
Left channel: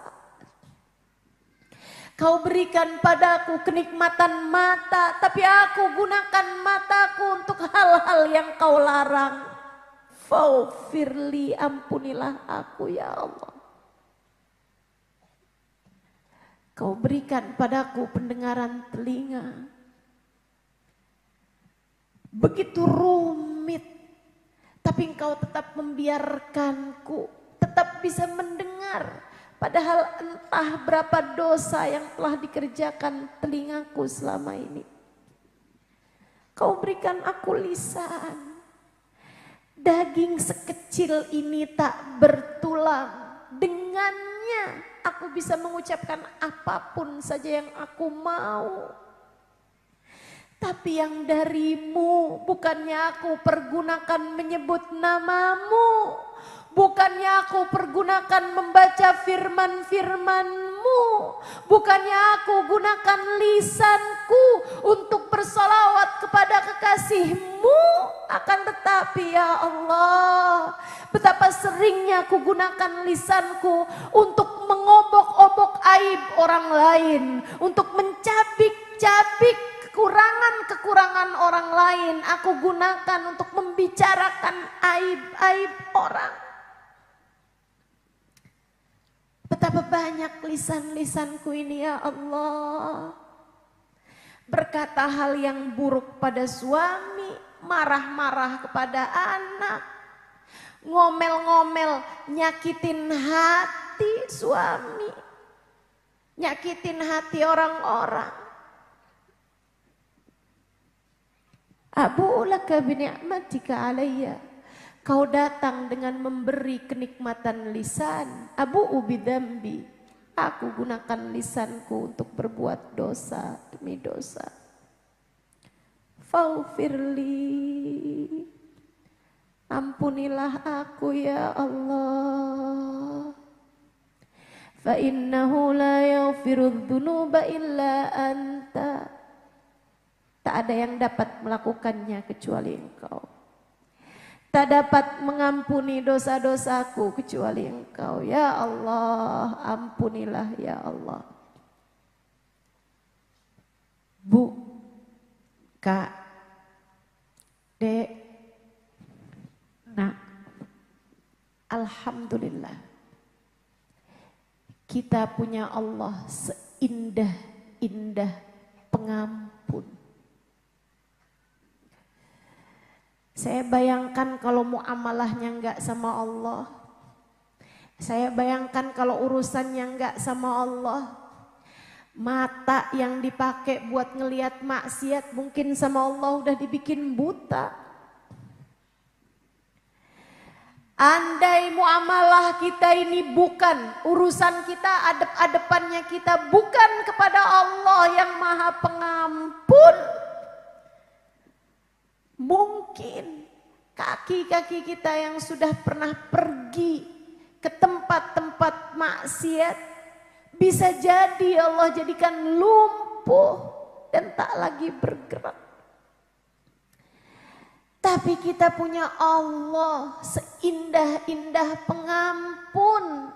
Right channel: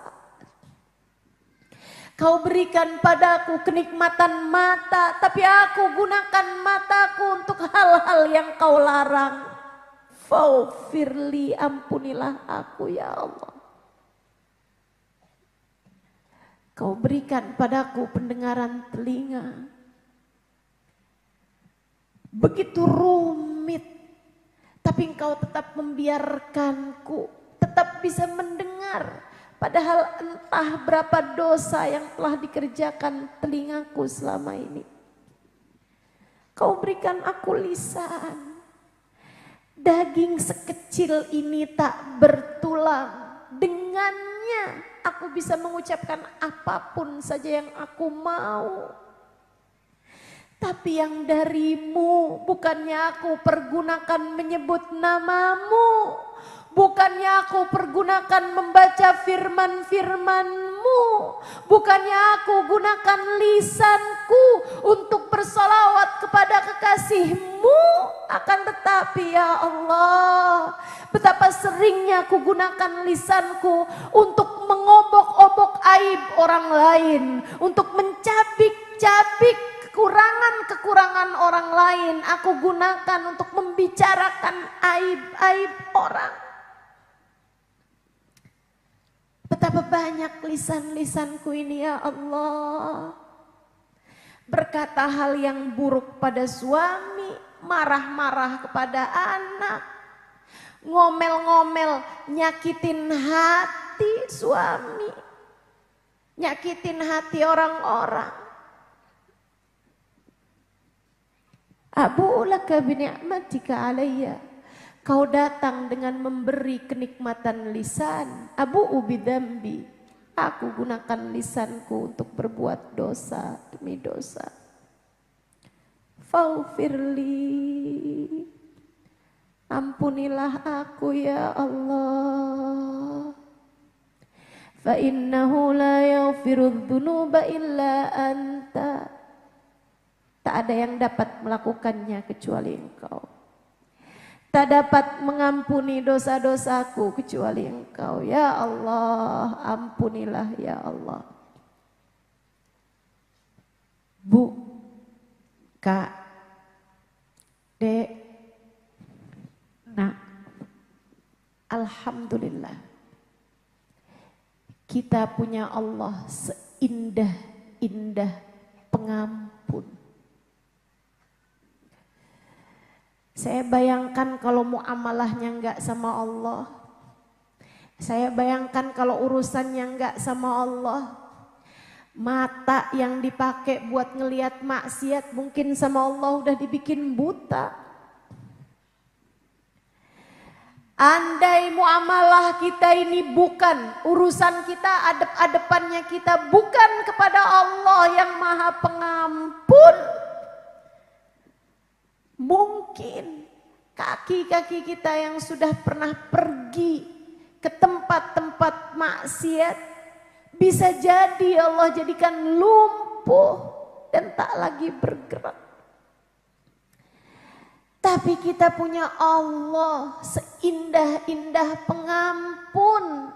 Kau berikan padaku kenikmatan mata, tapi aku gunakan mataku untuk hal-hal yang kau larang. Faufirli, ampunilah aku ya Allah. Kau berikan padaku pendengaran telinga. Begitu rumit, tapi engkau tetap membiarkanku tetap bisa mendengar. Padahal entah berapa dosa yang telah dikerjakan telingaku selama ini. Kau berikan aku lisan. Daging sekecil ini tak bertulang, dengannya aku bisa mengucapkan apapun saja yang aku mau. Tapi yang darimu, bukannya aku pergunakan menyebut namamu, bukannya aku pergunakan membaca firman-firmanmu, bukannya aku gunakan lisanku untuk bersolawat kepada kekasihmu, akan tetapi ya Allah, betapa seringnya aku gunakan lisanku untuk mengobok-obok aib orang lain, untuk mencabik-cabik kekurangan-kekurangan orang lain. Aku gunakan untuk membicarakan aib-aib orang. Betapa banyak lisan-lisanku ini ya Allah. Berkata hal yang buruk pada suami, marah-marah kepada anak, ngomel-ngomel, nyakitin hati suami, nyakitin hati orang-orang. Abu'u laka bi ni'matika alayya. Kau datang dengan memberi kenikmatan lisan. Abu'u bidzambi. Aku gunakan lisanku untuk berbuat dosa demi dosa. Faufirli. Ampunilah aku ya Allah. Fa innahu la yaghfirudz dzunuba illa anta. Tak ada yang dapat melakukannya kecuali Engkau. Tak dapat mengampuni dosa-dosaku kecuali Engkau. Ya Allah, ampunilah ya Allah. Bu, Kak, Dek, Alhamdulillah. Kita punya Allah seindah-indah pengampun. Saya bayangkan kalau muamalahnya enggak sama Allah. Saya bayangkan kalau urusannya enggak sama Allah. Mata yang dipakai buat ngelihat maksiat mungkin sama Allah udah dibikin buta. Andai muamalah kita ini bukan urusan kita, adep-adepannya kita bukan kepada Allah yang Maha Pengampun, mungkin kaki-kaki kita yang sudah pernah pergi ke tempat-tempat maksiat bisa jadi Allah jadikan lumpuh dan tak lagi bergerak. Tapi kita punya Allah seindah-indah pengampun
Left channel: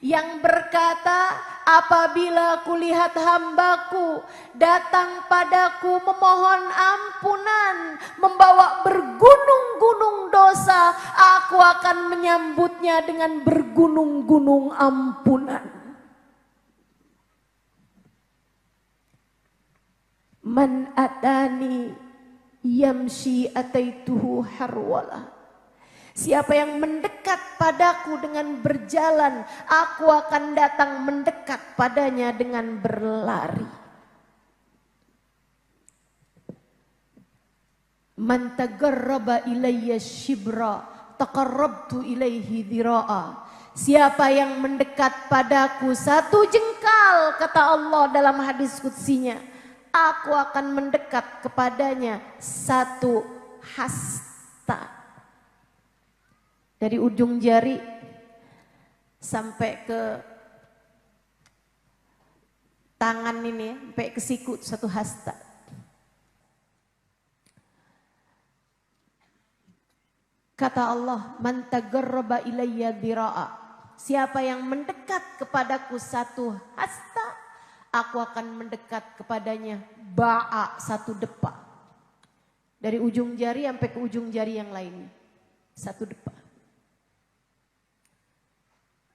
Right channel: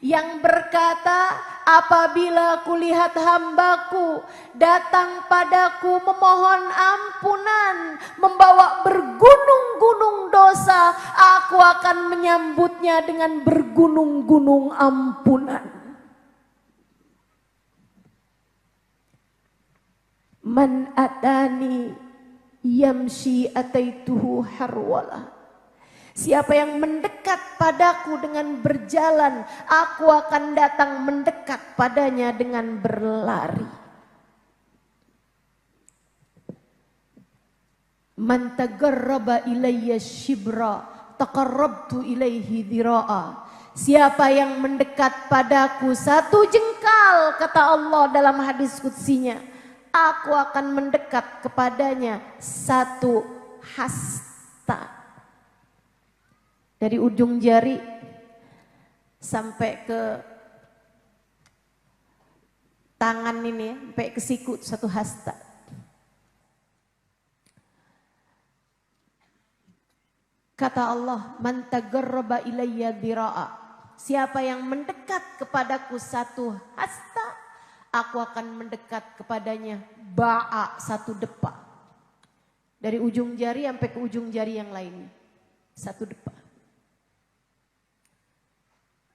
yang berkata, apabila kulihat hambaku datang padaku memohon ampunan, membawa bergunung-gunung dosa, aku akan menyambutnya dengan bergunung-gunung ampunan. Man atani yamshi ataituhu harwala. Siapa yang mendekat padaku dengan berjalan, aku akan datang mendekat padanya dengan berlari. Man tagarraba ilayya shibra taqarrabtu ilaihi dhira'a. Siapa yang mendekat padaku satu jengkal, kata Allah dalam hadis qudsinya, aku akan mendekat kepadanya satu hasta. Dari ujung jari sampai ke tangan ini, sampai ke siku satu hasta. Kata Allah, man tagarraba ilayya dhira'a. Siapa yang mendekat kepadaku satu hasta, aku akan mendekat kepadanya ba'a, satu depa. Dari ujung jari sampai ke ujung jari yang lainnya, satu depa.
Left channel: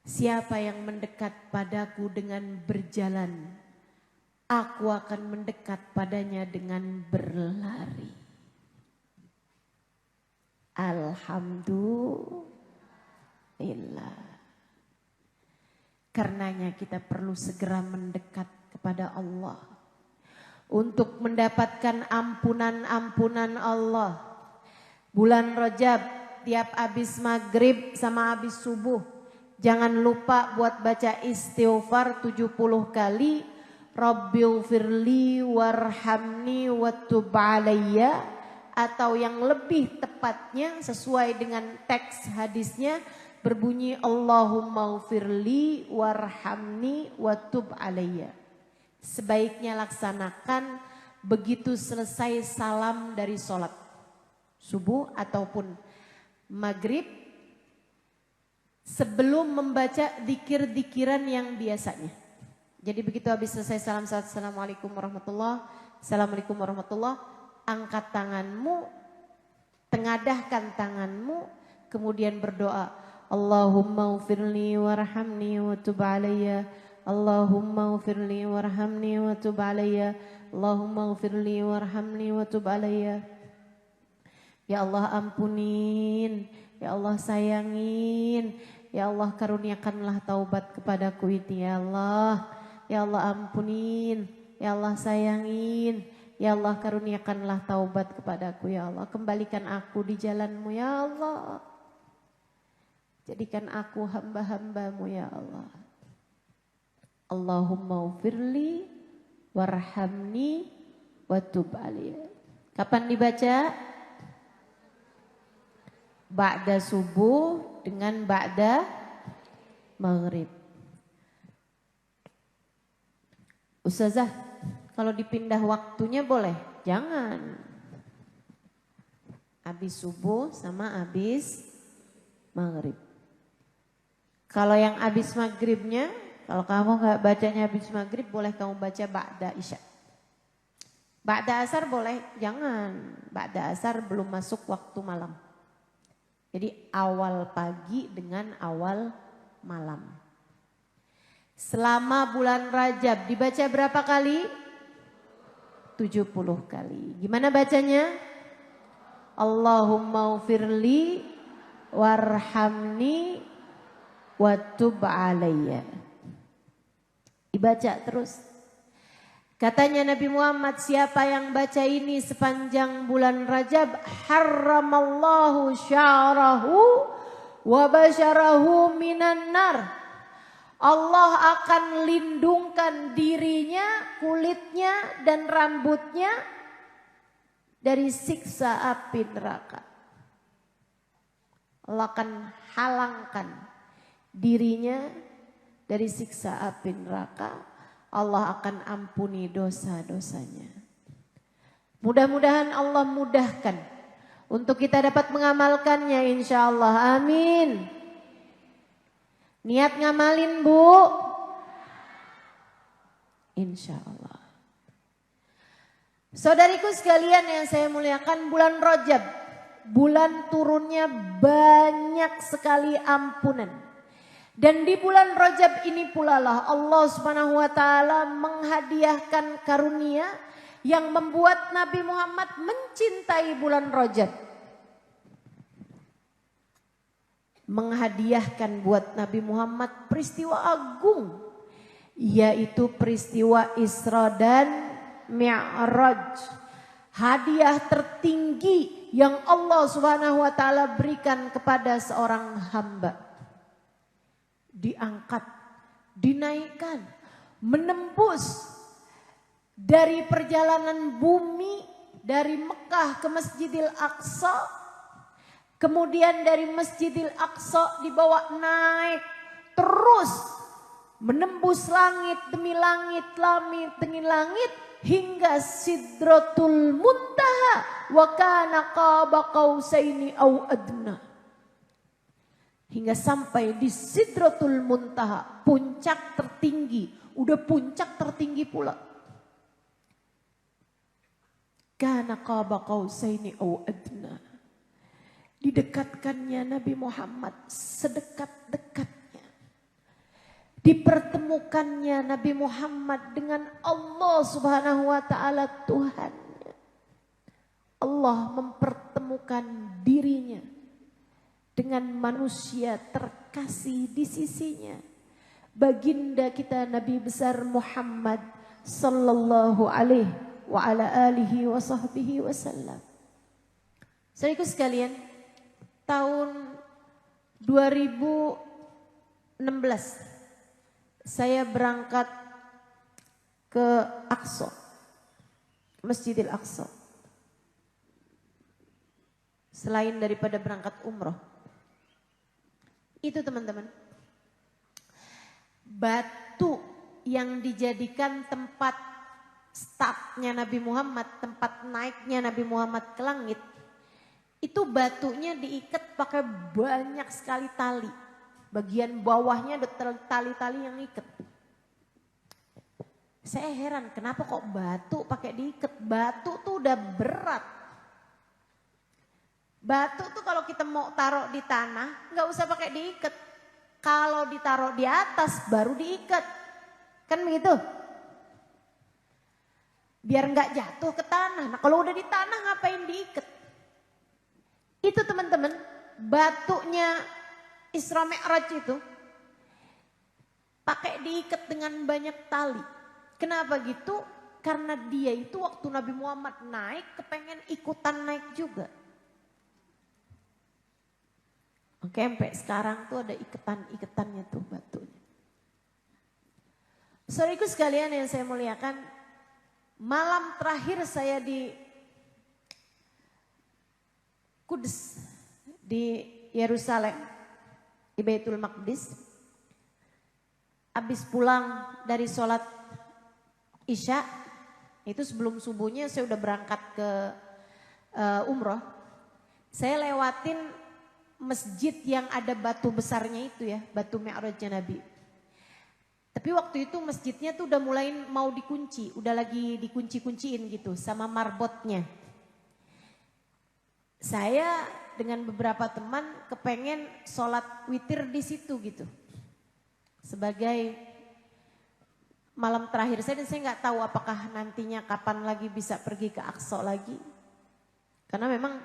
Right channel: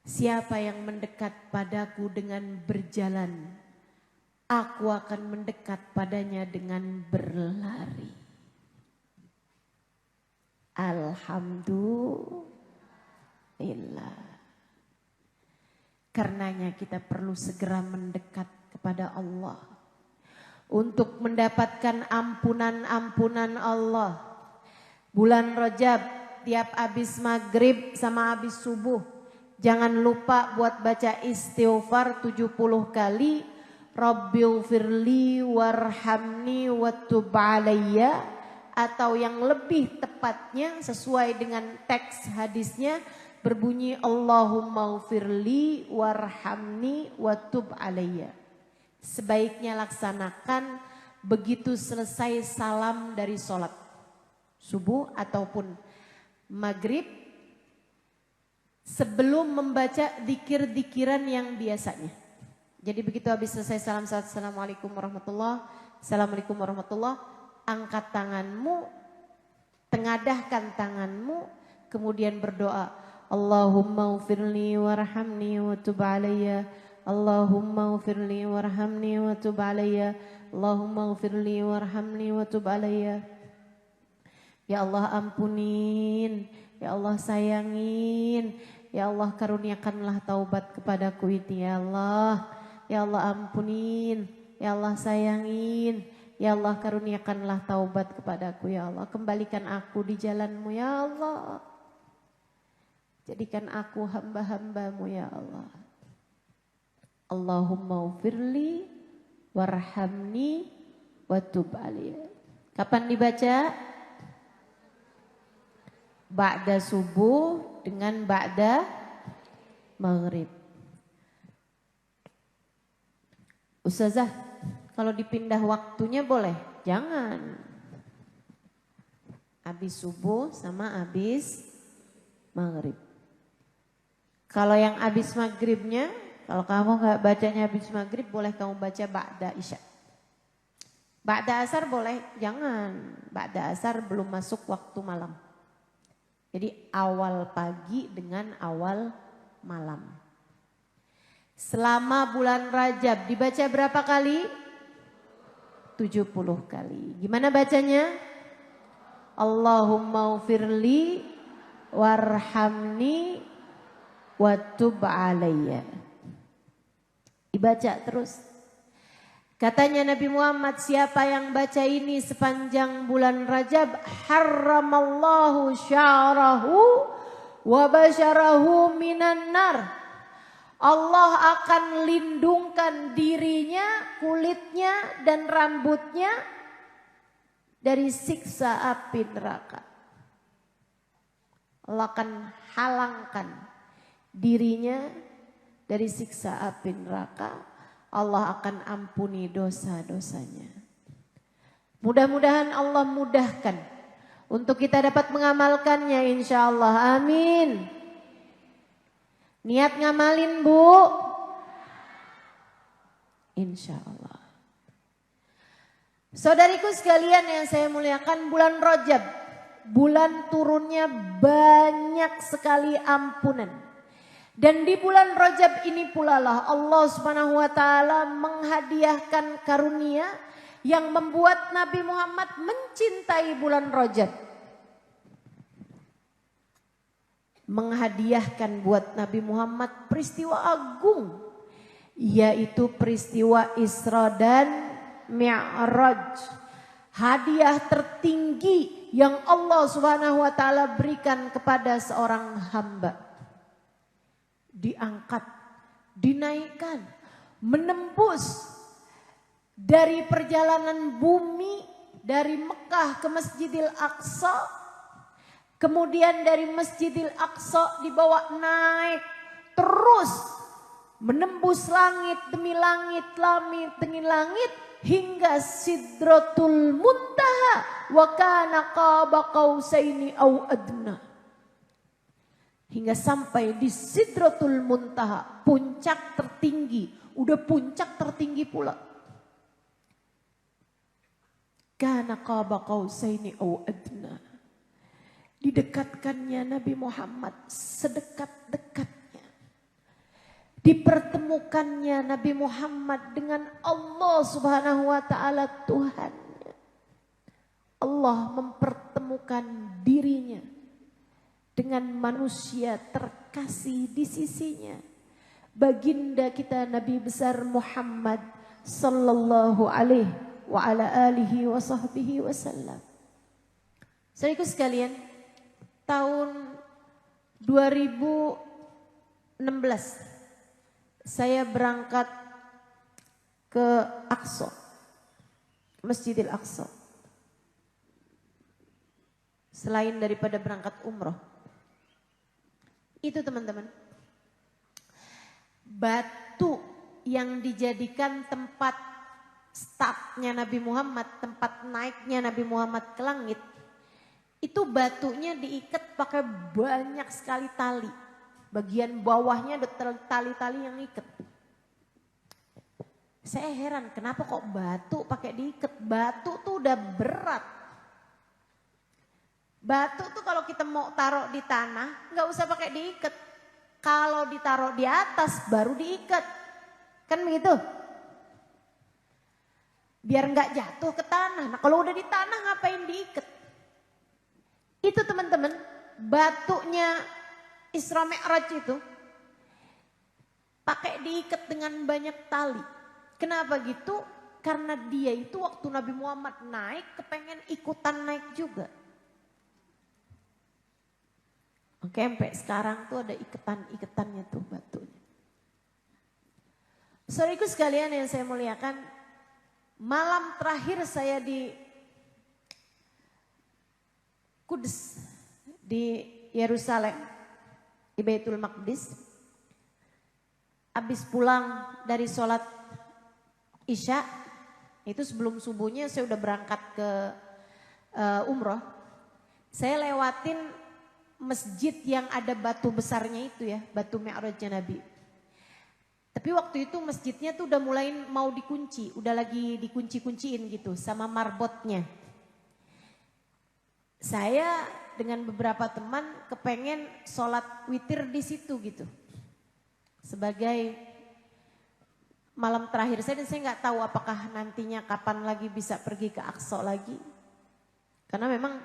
Siapa yang mendekat padaku dengan berjalan, aku akan mendekat padanya dengan berlari. Alhamdulillah. Karenanya kita perlu segera mendekat kepada Allah untuk mendapatkan ampunan-ampunan Allah. Bulan Rajab, tiap habis maghrib sama habis subuh, jangan lupa buat baca istighfar 70 kali. Rabbighfirli warhamni watub alayya, atau yang lebih tepatnya sesuai dengan teks hadisnya berbunyi Allahumma ghfirli warhamni watub alayya. Sebaiknya laksanakan begitu selesai salam dari sholat subuh ataupun maghrib, sebelum membaca dzikir-dzikiran yang biasanya. Jadi begitu habis selesai salam, assalamualaikum warahmatullah, assalamualaikum warahmatullah, angkat tanganmu, tengadahkan tanganmu, kemudian berdoa, Allahumma ghfirli warhamni wa tub alayya, Allahumma ghfirli warhamni wa tub alayya, Allahumma ghfirli warhamni wa tub alayya. Ya Allah ampunin, ya Allah sayangin, ya Allah karuniakanlah taubat kepadaku ini ya Allah. Ya Allah ampunin, ya Allah sayangin, ya Allah karuniakanlah taubat kepadaku ya Allah. Kembalikan aku di jalanmu ya Allah. Jadikan aku hamba-hambamu ya Allah. Allahumma ufirli warhamni watub alayya. Kapan dibaca? Ba'da subuh dengan ba'da maghrib. Ustazah, kalau dipindah waktunya boleh? Jangan. Habis subuh sama habis maghrib. Kalau yang habis maghribnya, kalau kamu nggak bacanya habis maghrib, boleh kamu baca ba'da isya. Ba'da asar boleh? Jangan. Ba'da asar belum masuk waktu malam. Jadi awal pagi dengan awal malam. Selama bulan Rajab dibaca berapa kali? 70 kali. Gimana bacanya? Allahumma ufirli warhamni wa tub alayya. Dibaca terus. Katanya Nabi Muhammad, siapa yang baca ini sepanjang bulan Rajab, harramallahu sya'rahu wa basyarahu minan nar. Allah akan lindungkan dirinya, kulitnya dan rambutnya dari siksa api neraka. Allah akan halangkan dirinya dari siksa api neraka. Allah akan ampuni dosa-dosanya. Mudah-mudahan Allah mudahkan untuk kita dapat mengamalkannya, insya Allah. Amin. Niat ngamalin, Bu? Insya Allah. Saudariku sekalian yang saya muliakan, bulan Rajab, bulan turunnya banyak sekali ampunan. Dan di bulan Rajab ini pula lah Allah Subhanahu wa taala menghadiahkan karunia yang membuat Nabi Muhammad mencintai bulan Rajab. Menghadiahkan buat Nabi Muhammad peristiwa agung, yaitu peristiwa Isra dan Mi'raj. Hadiah tertinggi yang Allah Subhanahu wa taala berikan kepada seorang hamba. Diangkat, dinaikkan, menembus dari perjalanan bumi dari Mekah ke Masjidil Aqsa, kemudian dari Masjidil Aqsa dibawa naik terus menembus langit demi langit, langit demi langit hingga Sidratul Muntaha wa kana qaba qausaini au adna. Hingga sampai di Sidratul Muntaha, puncak tertinggi, udah puncak tertinggi pula. Kana qaba qausaini au adna. Didekatkannya Nabi Muhammad sedekat-dekatnya. Dipertemukannya Nabi Muhammad dengan Allah Subhanahu wa taala Tuhannya. Allah mempertemukan dirinya dengan manusia terkasih di sisinya. Baginda kita Nabi besar Muhammad sallallahu alaihi wa ala alihi wa sahbihi wasallam. Saudaraku sekalian, tahun 2016 saya berangkat ke Aqsa, Masjidil Aqsa. Selain daripada berangkat umroh. Itu teman-teman, batu yang dijadikan tempat startnya Nabi Muhammad, tempat naiknya Nabi Muhammad ke langit, itu batunya diikat pakai banyak sekali tali. Bagian bawahnya ada tali-tali yang ikat. Saya heran kenapa kok batu pakai diikat, batu tuh udah berat. Batu tuh kalau kita mau taruh di tanah nggak usah pakai diikat. Kalau ditaruh di atas baru diikat. Kan begitu? Biar nggak jatuh ke tanah. Nah kalau udah di tanah ngapain diikat? Itu teman-teman, batunya Isra Mi'raj itu pakai diikat dengan banyak tali. Kenapa gitu? Karena dia itu waktu Nabi Muhammad naik kepengen ikutan naik juga. Oke, sampai sekarang tuh ada iketan-iketannya tuh batunya. Saudaraku sekalian yang saya muliakan, malam terakhir saya di Kudus, di Yerusalem, di Baitul Maqdis. Habis pulang dari sholat Isya, itu sebelum subuhnya saya udah berangkat ke umroh. Saya lewatin masjid yang ada batu besarnya itu ya, batu Mi'rajnya Nabi. Tapi waktu itu masjidnya tuh udah mulai mau dikunci, udah lagi dikunci-kunciin gitu sama marbotnya. Saya dengan beberapa teman kepengen sholat witir di situ gitu. Sebagai malam terakhir saya, dan saya nggak tahu apakah nantinya kapan lagi bisa pergi ke Aqsa lagi. Karena memang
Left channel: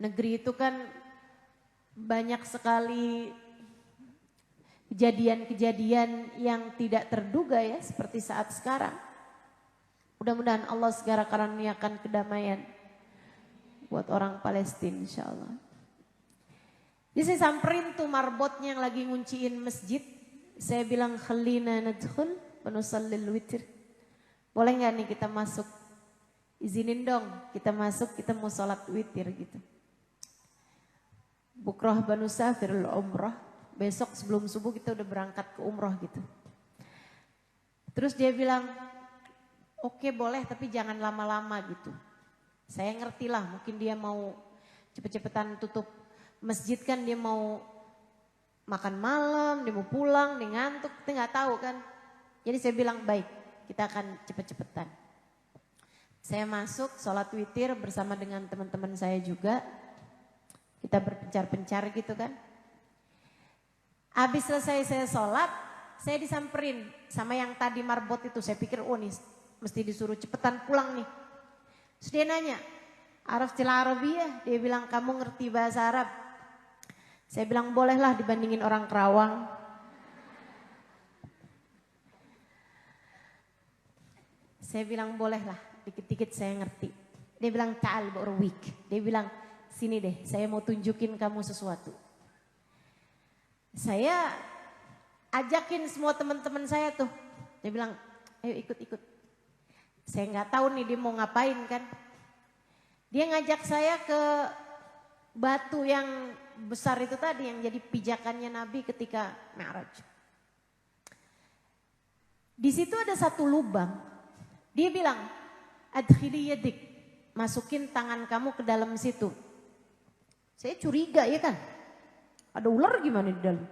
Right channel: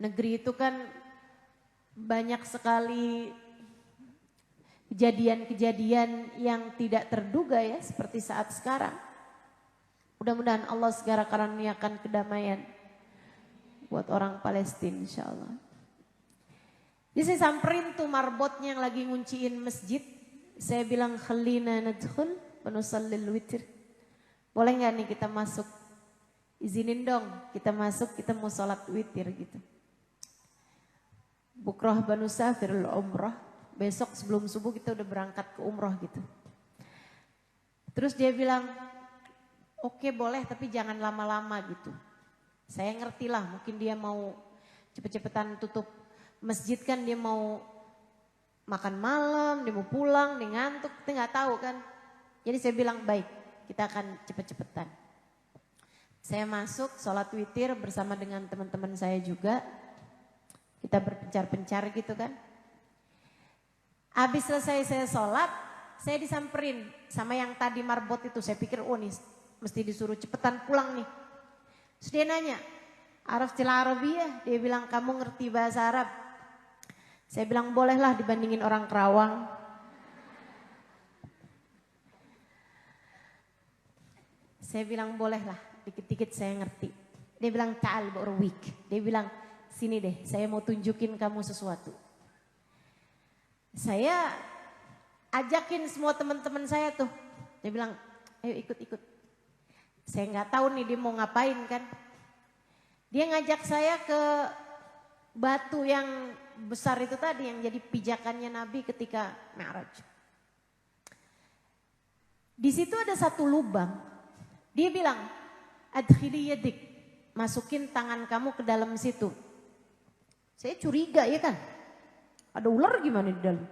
negeri itu kan banyak sekali kejadian-kejadian yang tidak terduga ya, seperti saat sekarang. Mudah-mudahan Allah segera karuniakan kedamaian buat orang Palestina insya Allah. Jadi saya samperin tuh marbotnya yang lagi ngunciin masjid. Saya bilang khalina nadkhul wa nusallil witr. Boleh gak nih kita masuk? Izinin dong kita masuk, kita mau sholat witir gitu. Bukrah banusafirul umrah. Besok sebelum subuh kita udah berangkat ke umroh gitu. Terus dia bilang, oke boleh tapi jangan lama-lama gitu. Saya ngerti lah mungkin dia mau cepet-cepetan tutup masjid kan, dia mau makan malam, dia mau pulang, dia ngantuk, kita nggak tahu kan. Jadi saya bilang baik, kita akan cepet-cepetan. Saya masuk sholat witir bersama dengan teman-teman saya juga. Kita berpencar-pencar gitu kan. Habis selesai saya sholat, saya disamperin sama yang tadi marbot itu. Saya pikir oh nih mesti disuruh cepetan pulang nih. Terus dia nanya, Araftil Arabiyah? Dia bilang kamu ngerti bahasa Arab? Saya bilang bolehlah dibandingin orang Kerawang. Saya bilang bolehlah, dikit-dikit saya ngerti. Dia bilang ta'al ba'urwik. Dia bilang sini deh, saya mau tunjukin kamu sesuatu. Saya ajakin semua teman-teman saya tuh. Dia bilang ayo ikut-ikut. Saya nggak tahu nih dia mau ngapain kan. Dia ngajak saya ke batu yang besar itu tadi yang jadi pijakannya Nabi ketika Mi'raj. Di situ ada satu lubang. Dia bilang, adkhili yadik, masukin tangan kamu ke dalam situ. Saya curiga ya kan. Ada ular gimana di dalam?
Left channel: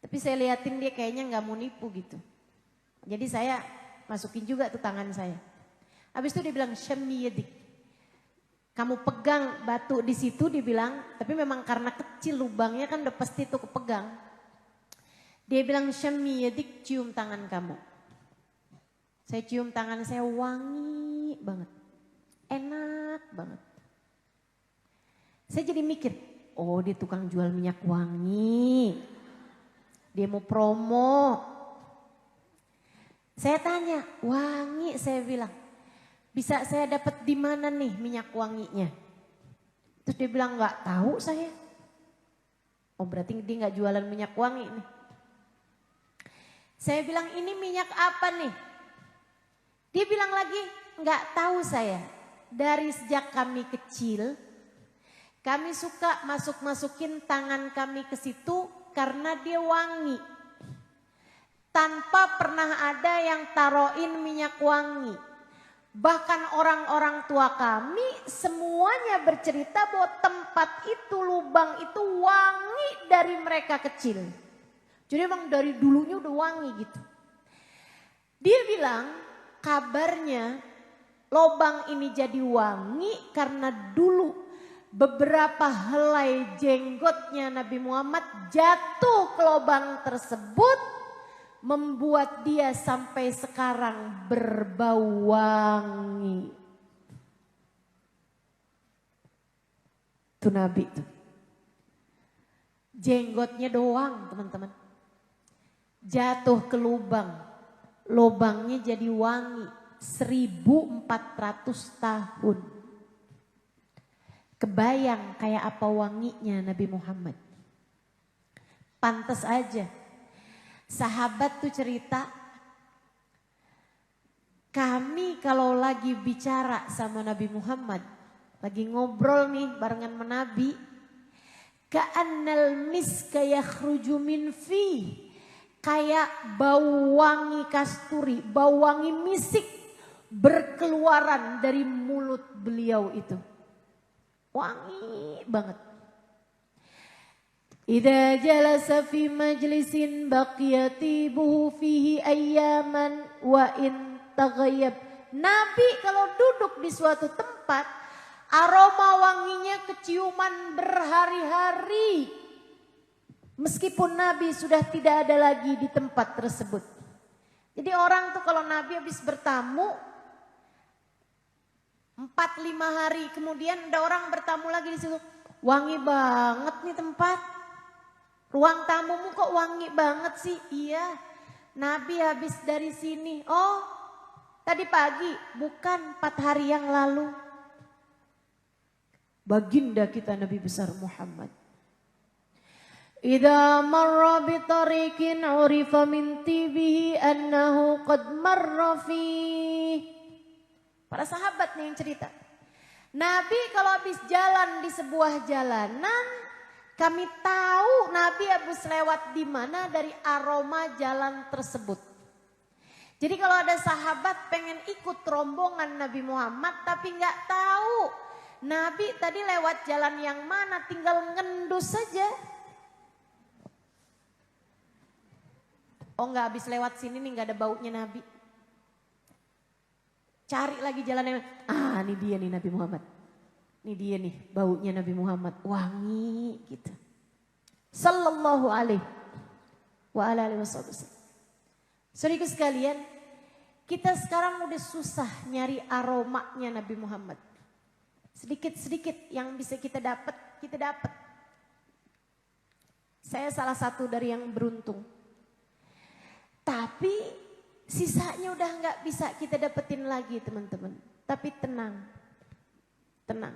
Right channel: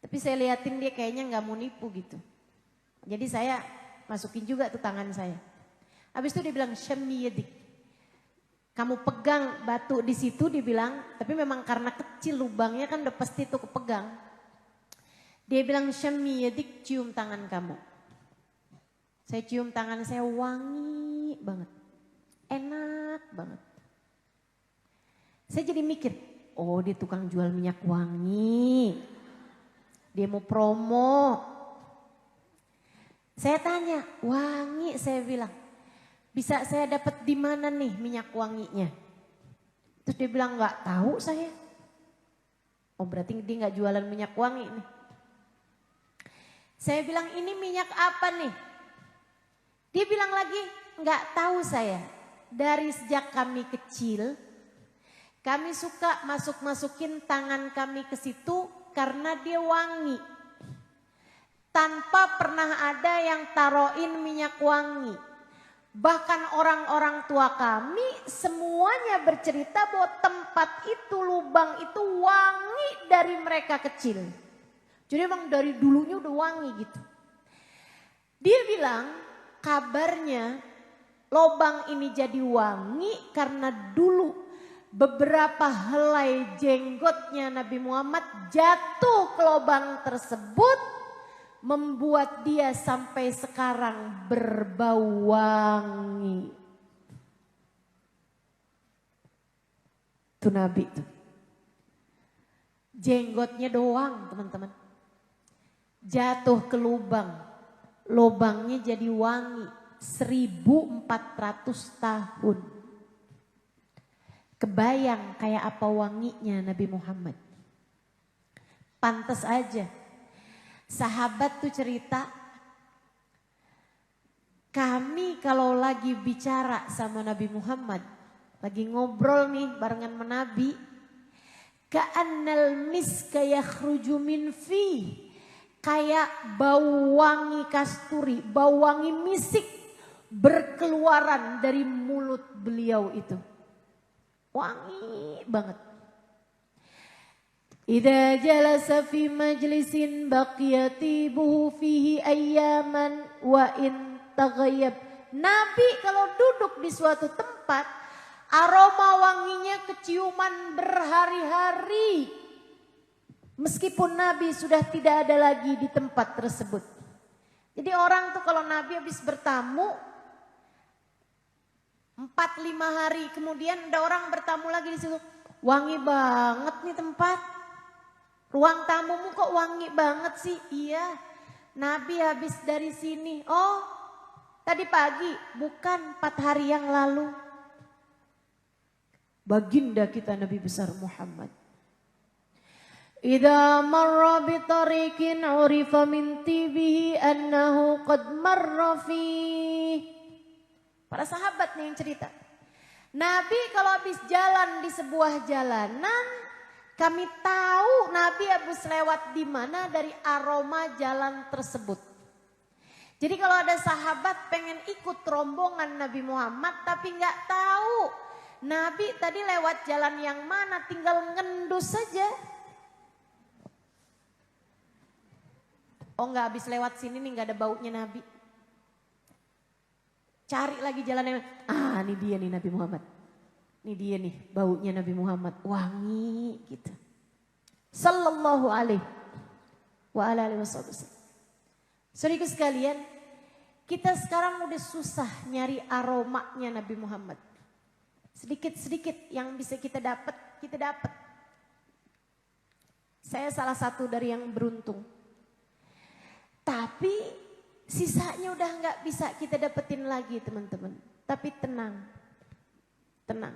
Tapi saya liatin dia kayaknya nggak mau nipu gitu. Jadi saya masukin juga tuh tangan saya. Habis itu dia bilang syammi yadik. Kamu pegang batu di situ dibilang, tapi memang karena kecil lubangnya kan udah pasti tuh kepegang. Dia bilang syammi yadik, cium tangan kamu. Saya cium tangan saya wangi banget. Enak banget. Saya jadi mikir, oh dia tukang jual minyak wangi. Dia mau promo. Saya tanya, wangi saya bilang. Bisa saya dapat di mana nih minyak wanginya? Terus dia bilang nggak tahu saya. Oh berarti dia nggak jualan minyak wangi nih. Saya bilang ini minyak apa nih? Dia bilang lagi nggak tahu saya. Dari sejak kami kecil, kami suka masukin tangan kami ke situ karena dia wangi. Tanpa pernah ada yang taruhin minyak wangi. Bahkan orang-orang tua kami semuanya bercerita bahwa tempat itu, lubang itu wangi dari mereka kecil. Jadi emang dari dulunya udah wangi gitu. Dia bilang kabarnya lubang ini jadi wangi karena dulu beberapa helai jenggotnya Nabi Muhammad jatuh ke lubang tersebut. Membuat dia sampai sekarang berbau wangi. Itu Nabi itu. Jenggotnya doang teman-teman. Jatuh ke lubang. Lubangnya jadi wangi. 1400 tahun. Kebayang kayak apa wanginya Nabi Muhammad. Pantas aja. Sahabat tuh cerita, kami kalau lagi bicara sama Nabi Muhammad, lagi ngobrol nih barengan sama Nabi, ka'annal miska yakhruju min fi, kayak bau wangi kasturi, bau wangi misik berkeluaran dari mulut beliau itu. Wangi banget. Idza jalasa fi majlisin baqiyatibuhu fihi ayyaman wa in taghayyab. Nabi kalau duduk di suatu tempat Aroma wanginya keciuman berhari-hari. Meskipun Nabi sudah tidak ada lagi di tempat tersebut. Jadi orang tuh kalau Nabi habis bertamu 4-5 hari kemudian ada orang bertamu lagi di situ. Wangi banget nih tempat. Ruang tamumu kok wangi banget sih? Iya, Nabi habis dari sini. Oh, tadi pagi, bukan 4 hari yang lalu. Baginda kita Nabi besar Muhammad. Idza marra bi tariqin urifa min tibihi annahu qad marra fi. Para sahabat nih yang cerita. Nabi kalau habis jalan di sebuah jalanan, kami tahu Nabi habis lewat di mana dari aroma jalan tersebut. Jadi kalau ada sahabat pengen ikut rombongan Nabi Muhammad tapi nggak tahu Nabi tadi lewat jalan yang mana, tinggal ngendus saja. Oh nggak habis lewat sini nih nggak ada baunya Nabi. Cari lagi jalannya. Ah ini dia nih Nabi Muhammad. Ini dia nih baunya Nabi Muhammad. Wangi gitu. Sallallahu alaihi wa alihi wasallam. Saudaraku sekalian, kita sekarang udah susah nyari aromanya Nabi Muhammad. Sedikit-sedikit yang bisa kita dapat, kita dapat. Saya salah satu dari yang beruntung. Tapi sisanya udah nggak bisa kita dapetin lagi teman-teman. Tapi tenang, tenang.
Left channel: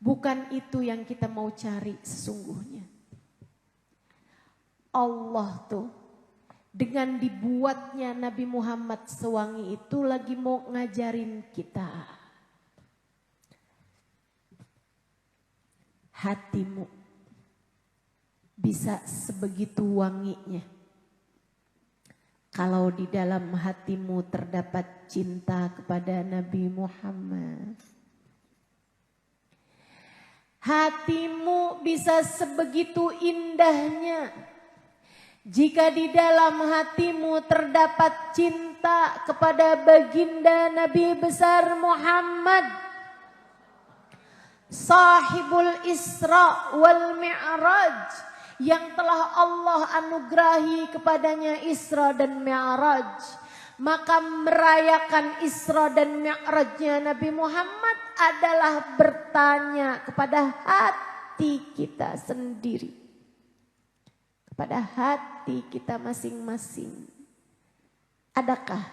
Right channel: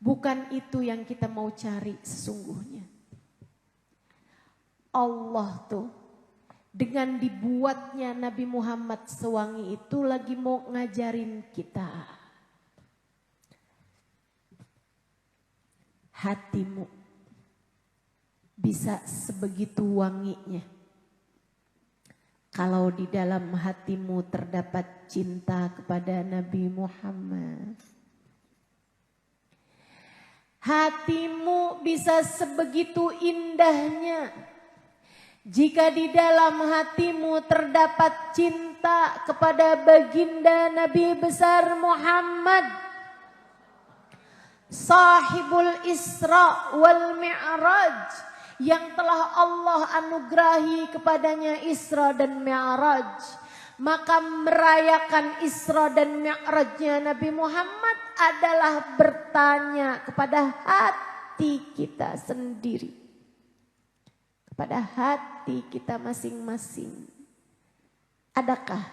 Bukan itu yang kita mau cari sesungguhnya. Allah tuh dengan dibuatnya Nabi Muhammad sewangi itu lagi mau ngajarin kita. Hatimu bisa sebegitu wanginya. Kalau di dalam hatimu terdapat cinta kepada Nabi Muhammad. Hatimu bisa sebegitu indahnya. Jika di dalam hatimu terdapat cinta kepada baginda Nabi besar Muhammad. Sahibul Isra wal Mi'raj yang telah Allah anugerahi kepadanya Isra dan Mi'raj. Maka merayakan Isra dan Mi'rajnya Nabi Muhammad adalah bertanya kepada hati kita sendiri. Kepada hati kita masing-masing. Adakah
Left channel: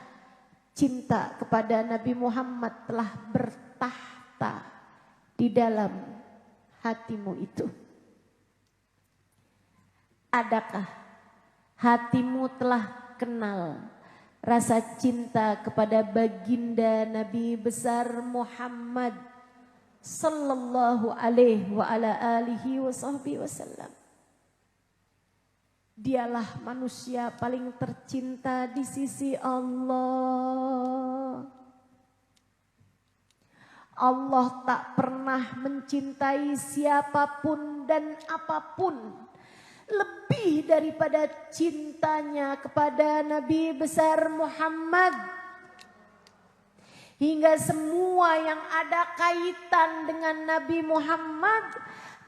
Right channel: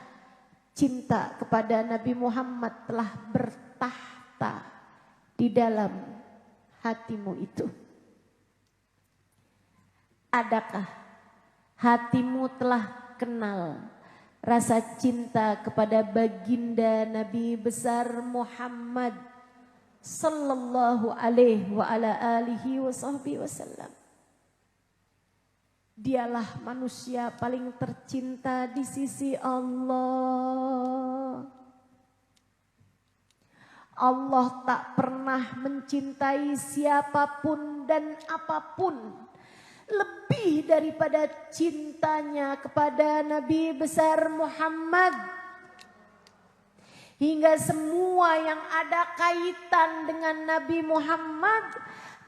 cinta kepada Nabi Muhammad telah bertahta di dalam hatimu itu? Adakah hatimu telah kenal rasa cinta kepada baginda Nabi besar Muhammad sallallahu alaihi wa ala alihi wa sahbihi wasallam? Dialah manusia paling tercinta di sisi Allah. Allah tak pernah mencintai siapapun dan apapun lebih daripada cintanya kepada Nabi besar Muhammad. Hingga semua yang ada kaitan dengan Nabi Muhammad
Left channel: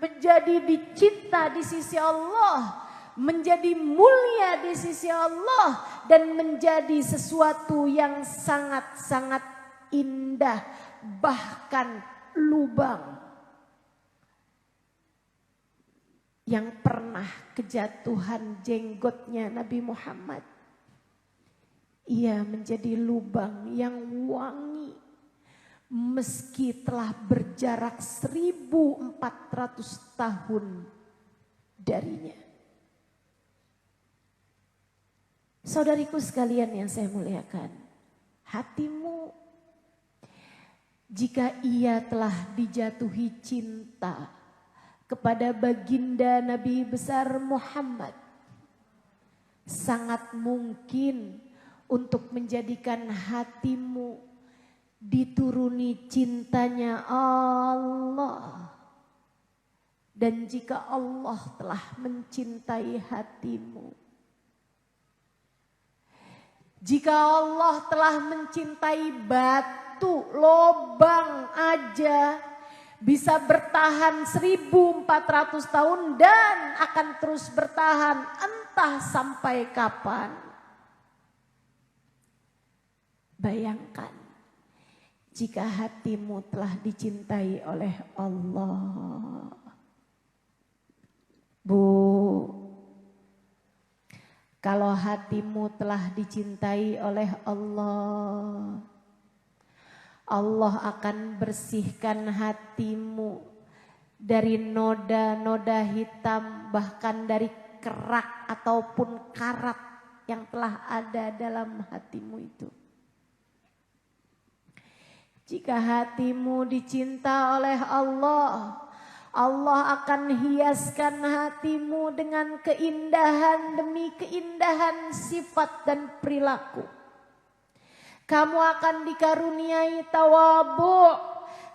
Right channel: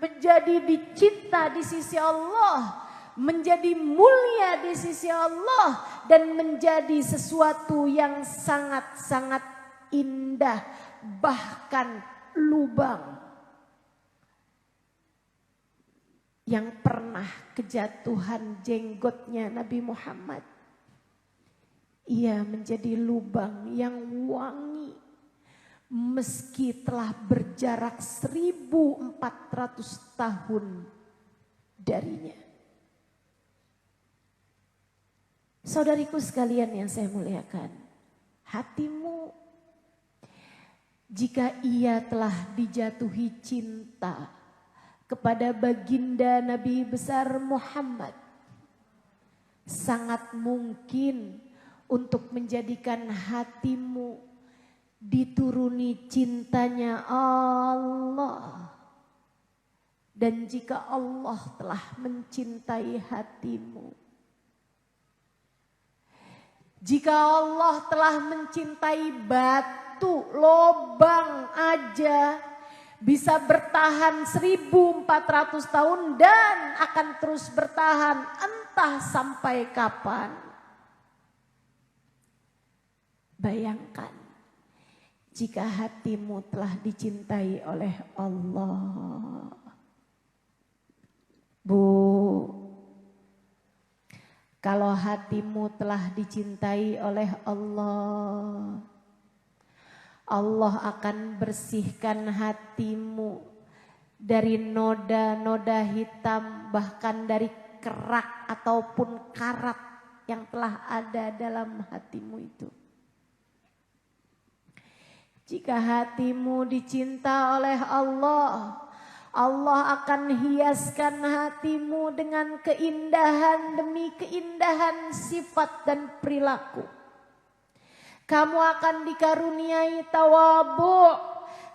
menjadi dicinta di sisi Allah, menjadi mulia di sisi Allah, dan menjadi sesuatu yang sangat-sangat indah, bahkan lubang yang pernah kejatuhan jenggotnya Nabi Muhammad. Ia menjadi lubang yang wangi meski telah berjarak 1400 tahun darinya. Saudariku sekalian yang saya muliakan, hatimu jika ia telah dijatuhi cinta kepada baginda Nabi besar Muhammad, sangat mungkin untuk menjadikan hatimu dituruni cintanya Allah. Dan jika Allah telah mencintai hatimu, jika Allah telah mencintai batu, lobang aja bisa bertahan 1400 tahun dan akan terus bertahan entah sampai kapan. Bayangkan jika hatimu telah dicintai oleh Allah. Bu, kalau hatimu telah dicintai oleh Allah, Allah akan bersihkan hatimu dari noda-noda hitam, bahkan dari kerak ataupun karat yang telah ada dalam hatimu itu. Jika hatimu dicinta oleh Allah, Allah akan hiaskan hatimu dengan keindahan demi keindahan sifat dan perilaku. Kamu akan dikaruniai tawadhu,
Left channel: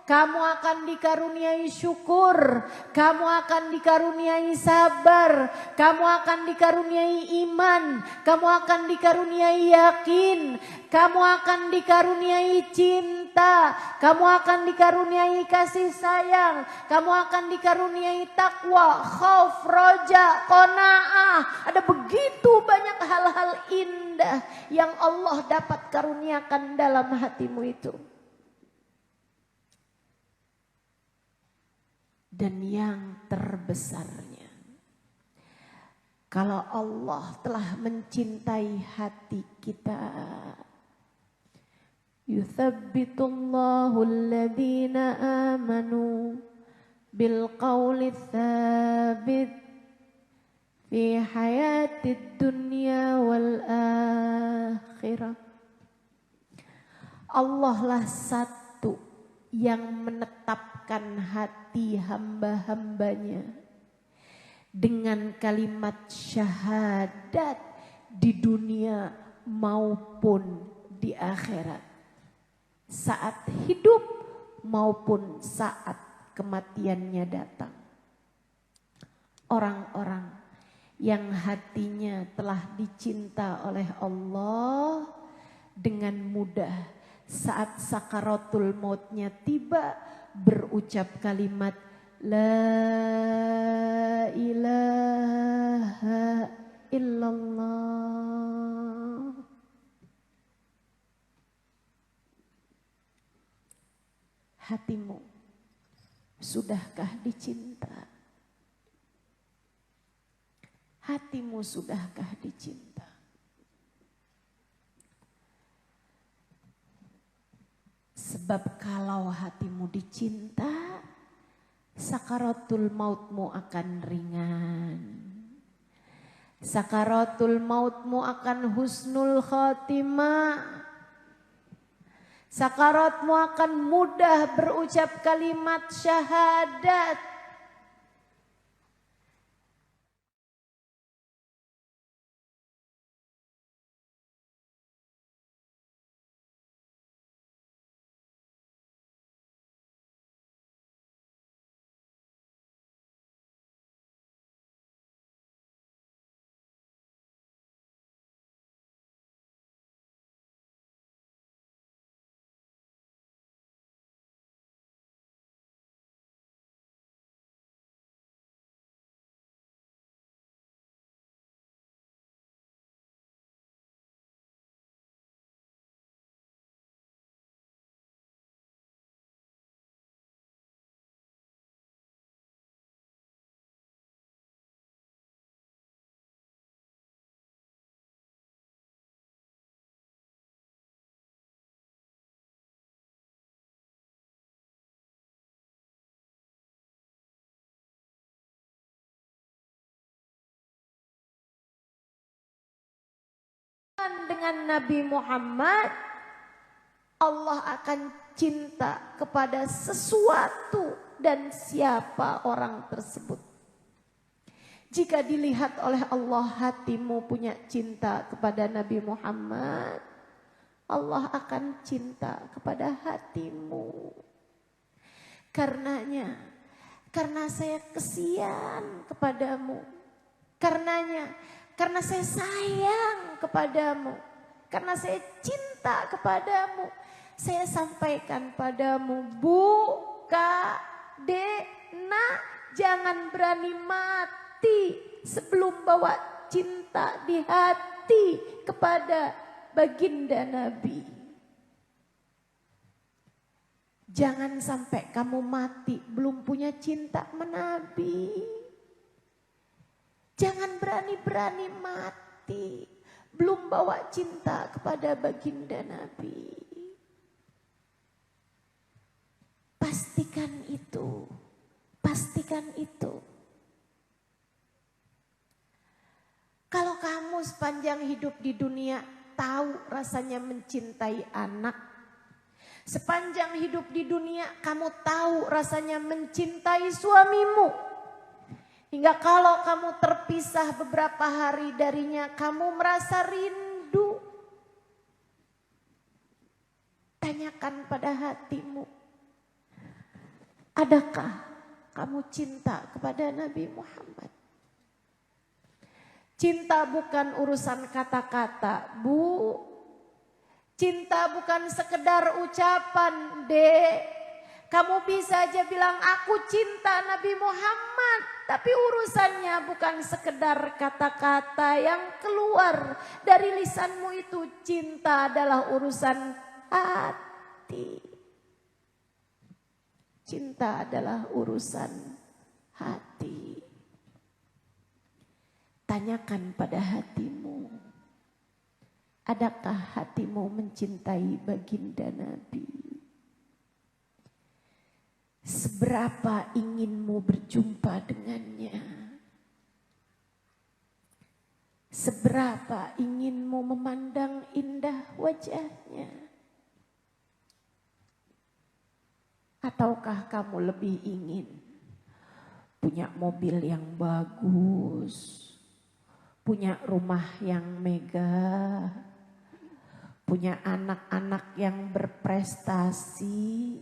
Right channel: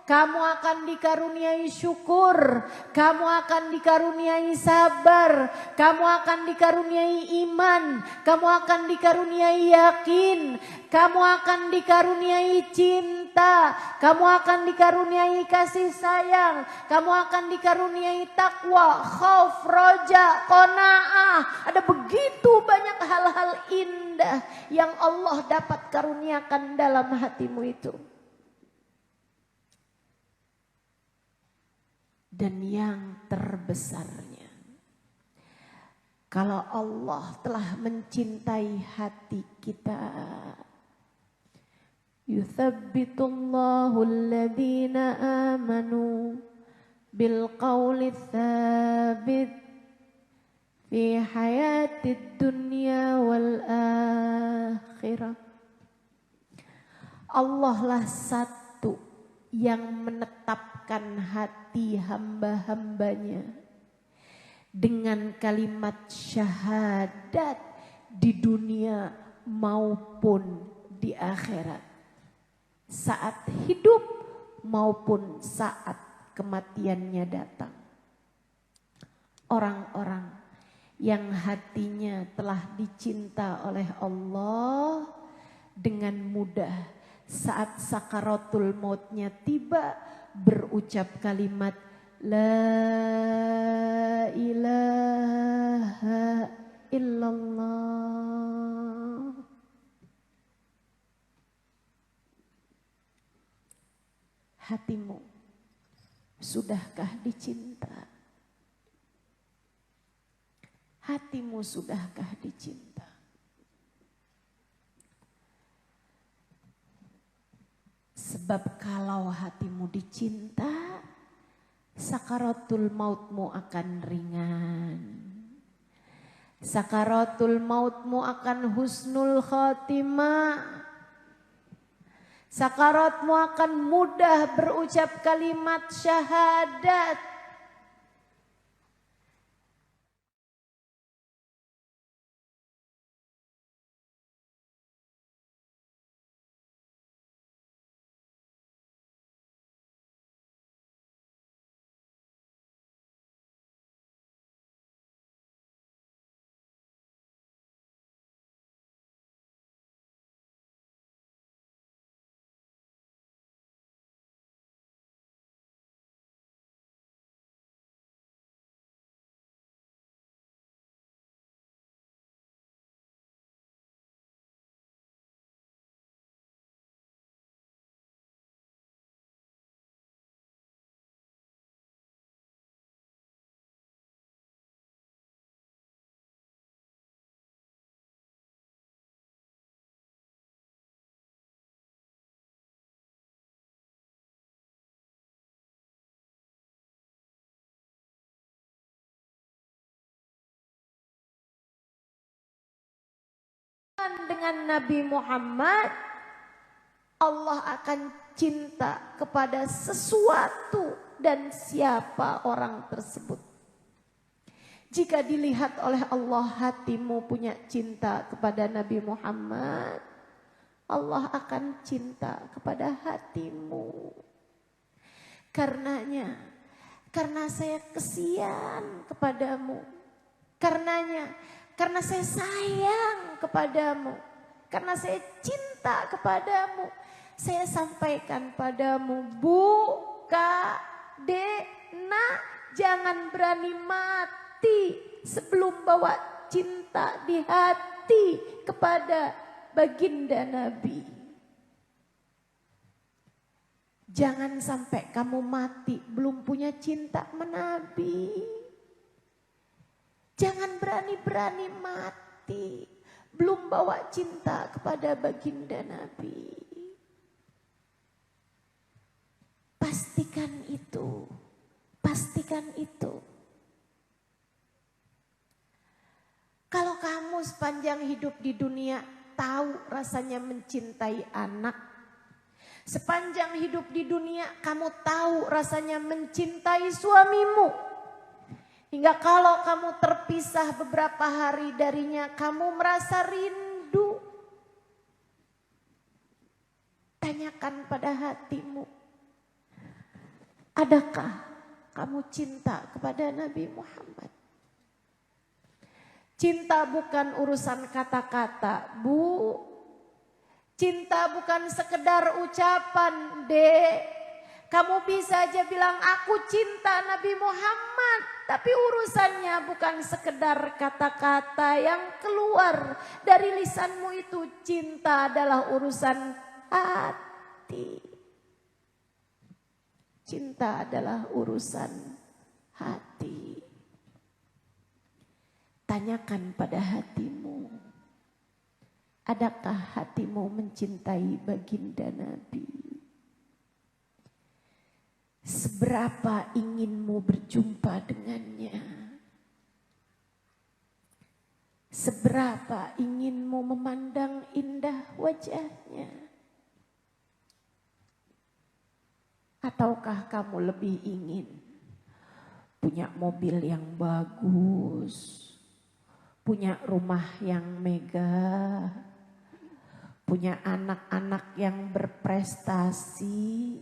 kamu akan dikaruniai syukur, kamu akan dikaruniai sabar, kamu akan dikaruniai iman, kamu akan dikaruniai yakin, kamu akan dikaruniai cinta, kamu akan dikaruniai kasih sayang, kamu akan dikaruniai takwa, khauf, roja, qanaah. Ada begitu banyak hal-hal indah yang Allah dapat karuniakan dalam hatimu itu. Dan yang terbesarnya, kalau Allah telah mencintai hati kita, yuthabbitullahu alladhina amanu bil qawli tsabit fi hayatid dunya wal akhirah. Allah lah satu yang menetapkan hati hamba-hambanya dengan kalimat syahadat di dunia maupun di akhirat, saat hidup maupun saat kematiannya datang. Orang-orang yang hatinya telah dicinta oleh Allah dengan mudah saat sakaratul mautnya tiba berucap kalimat la ilaha illallah. Hatimu sudahkah dicinta? Hatimu sudahkah dicinta? Sebab kalau hatimu dicinta, sakaratul mautmu akan ringan. Sakaratul mautmu akan husnul khatimah. Sakaratmu akan mudah berucap kalimat syahadat. Dengan Nabi Muhammad, Allah akan cinta kepada sesuatu dan siapa orang tersebut. Jika dilihat oleh Allah hatimu punya cinta kepada Nabi Muhammad, Allah akan cinta kepada hatimu. Karenanya, karena saya kesian kepadamu, karena saya sayang kepadamu, karena saya cinta kepadamu, saya sampaikan padamu, Bu, Kak, Dek, nak, jangan berani mati sebelum bawa cinta di hati kepada baginda Nabi. Jangan sampai kamu mati belum punya cinta sama Nabi. Jangan berani-berani mati belum bawa cinta kepada baginda Nabi. Pastikan itu. Pastikan itu. Kalau kamu sepanjang hidup di dunia tahu rasanya mencintai anak. Sepanjang hidup di dunia kamu tahu rasanya mencintai suamimu. Hingga kalau kamu terpisah beberapa hari darinya kamu merasa rindu. Tanyakan pada hatimu. Adakah kamu cinta kepada Nabi Muhammad? Cinta bukan urusan kata-kata, Bu. Cinta bukan sekedar ucapan, Dek. Kamu bisa aja bilang aku cinta Nabi Muhammad. Tapi urusannya bukan sekedar kata-kata yang keluar dari lisanmu itu. Cinta adalah urusan hati. Cinta adalah urusan hati. Tanyakan pada hatimu. Adakah hatimu mencintai baginda Nabi? Seberapa inginmu berjumpa dengannya? Seberapa inginmu memandang indah wajahnya? Ataukah kamu lebih ingin punya mobil yang bagus, punya rumah yang megah, punya anak-anak yang berprestasi?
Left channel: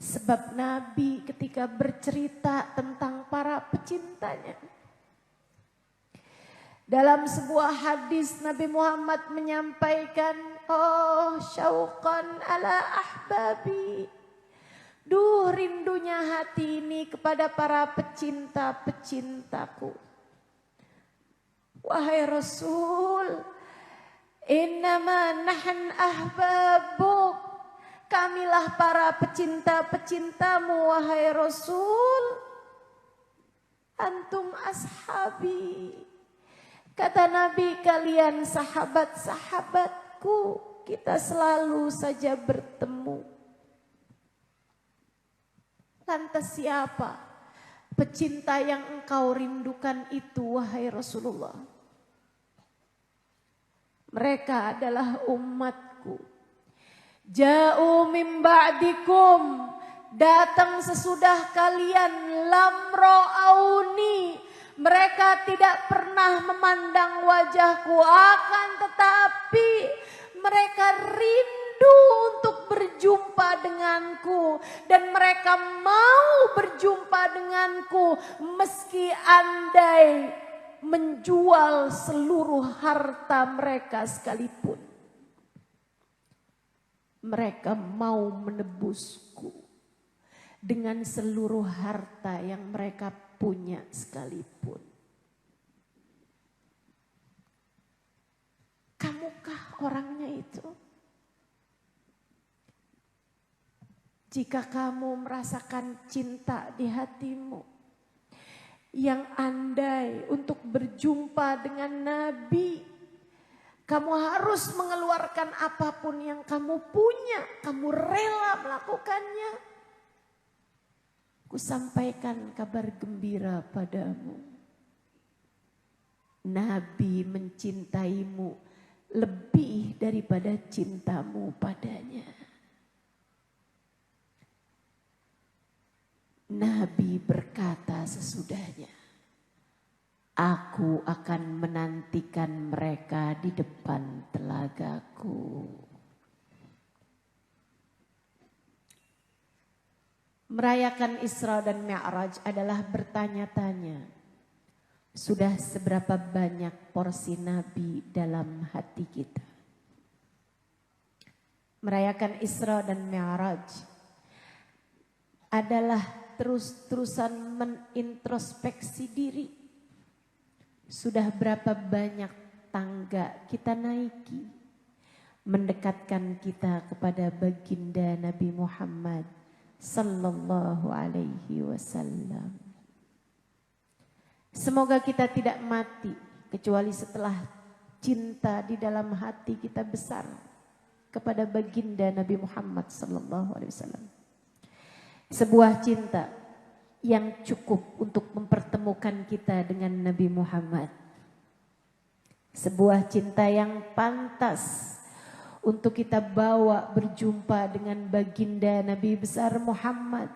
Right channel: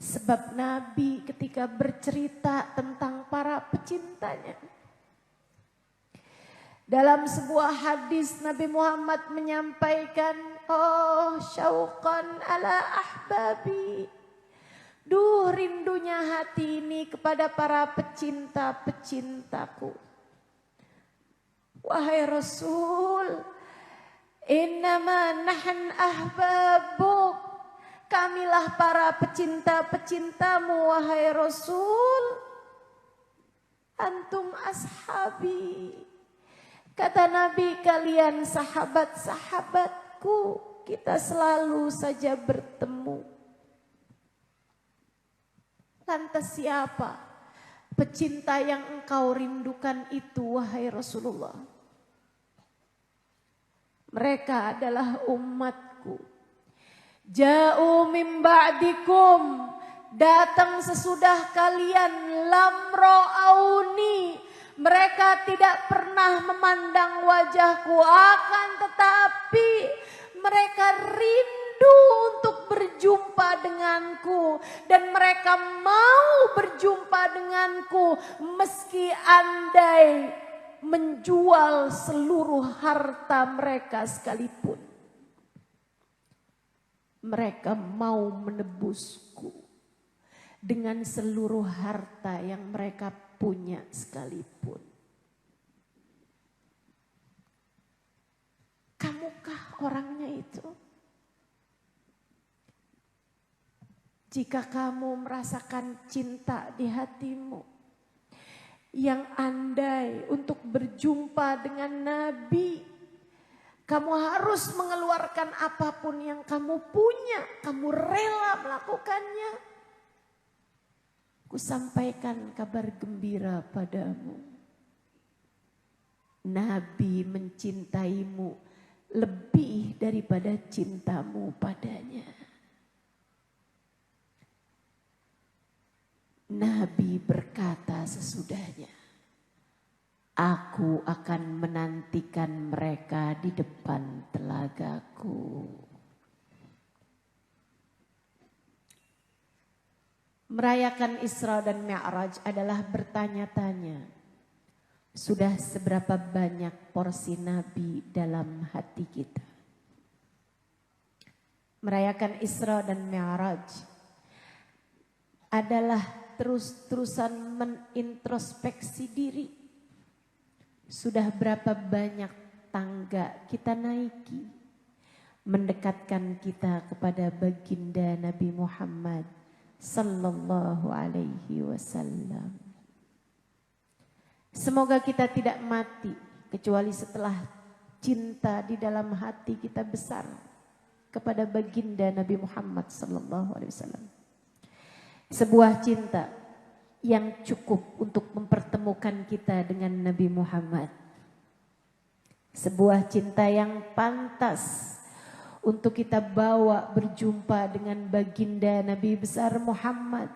Sebab Nabi ketika bercerita tentang para pecintanya, dalam sebuah hadis Nabi Muhammad menyampaikan, oh syauqan ala ahbabi. Duh rindunya hati ini kepada para pecinta-pecintaku. Wahai Rasul, innama nahan ahbabuk. Kamilah para pecinta-pecintamu wahai Rasul. Antum ashabi. Kata Nabi, kalian sahabat-sahabatku. Kita selalu saja bertemu. Lantas siapa pecinta yang engkau rindukan itu wahai Rasulullah? Mereka adalah umatku. Ja'u min ba'dikum, datang sesudah kalian, lam ra'auni, mereka tidak pernah memandang wajahku, akan tetapi mereka rindu untuk berjumpa denganku dan mereka mau berjumpa denganku meski andai menjual seluruh harta mereka sekalipun. Mereka mau menebusku dengan seluruh harta yang mereka punya sekalipun. Kamukah orangnya itu? Jika kamu merasakan cinta di hatimu yang andai untuk berjumpa dengan Nabi, kamu harus mengeluarkan apapun yang kamu punya. Kamu rela melakukannya. Kusampaikan kabar gembira padamu. Nabi mencintaimu lebih daripada cintamu padanya. Nabi berkata sesudahnya, aku akan menantikan mereka di depan telagaku. Merayakan Isra dan Mi'raj adalah bertanya-tanya, sudah seberapa banyak porsi Nabi dalam hati kita? merayakan Isra dan Mi'raj adalah terus-terusan menintrospeksi diri. Sudah berapa banyak tangga kita naiki mendekatkan kita kepada baginda Nabi Muhammad sallallahu alaihi wasallam. Semoga kita tidak mati kecuali setelah cinta di dalam hati kita besar kepada baginda Nabi Muhammad sallallahu alaihi wasallam. Sebuah cinta yang cukup untuk mempertemukan kita dengan Nabi Muhammad. Sebuah cinta yang pantas untuk kita bawa berjumpa dengan baginda Nabi besar Muhammad.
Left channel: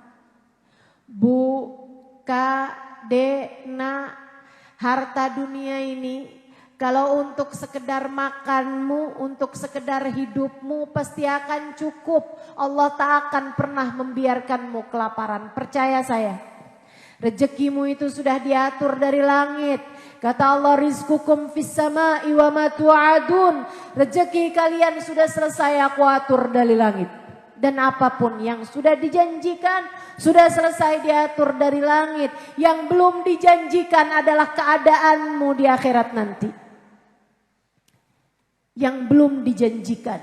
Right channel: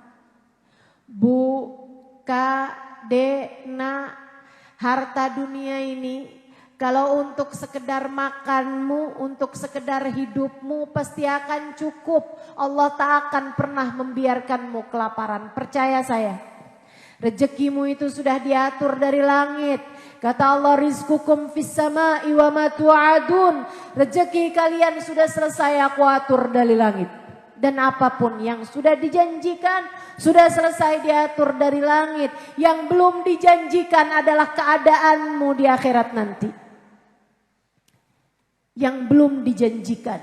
Bu, Kak, Dek, Nak, harta dunia ini kalau untuk sekedar makanmu, untuk sekedar hidupmu pasti akan cukup. Allah tak akan pernah membiarkanmu kelaparan. Percaya saya. Rezekimu itu sudah diatur dari langit. Kata Allah, rizqukum fis sama'i wa ma tu'adun. Rezeki kalian sudah selesai aku atur dari langit. Dan apapun yang sudah dijanjikan sudah selesai diatur dari langit. Yang belum dijanjikan adalah keadaanmu di akhirat nanti. Yang belum dijanjikan,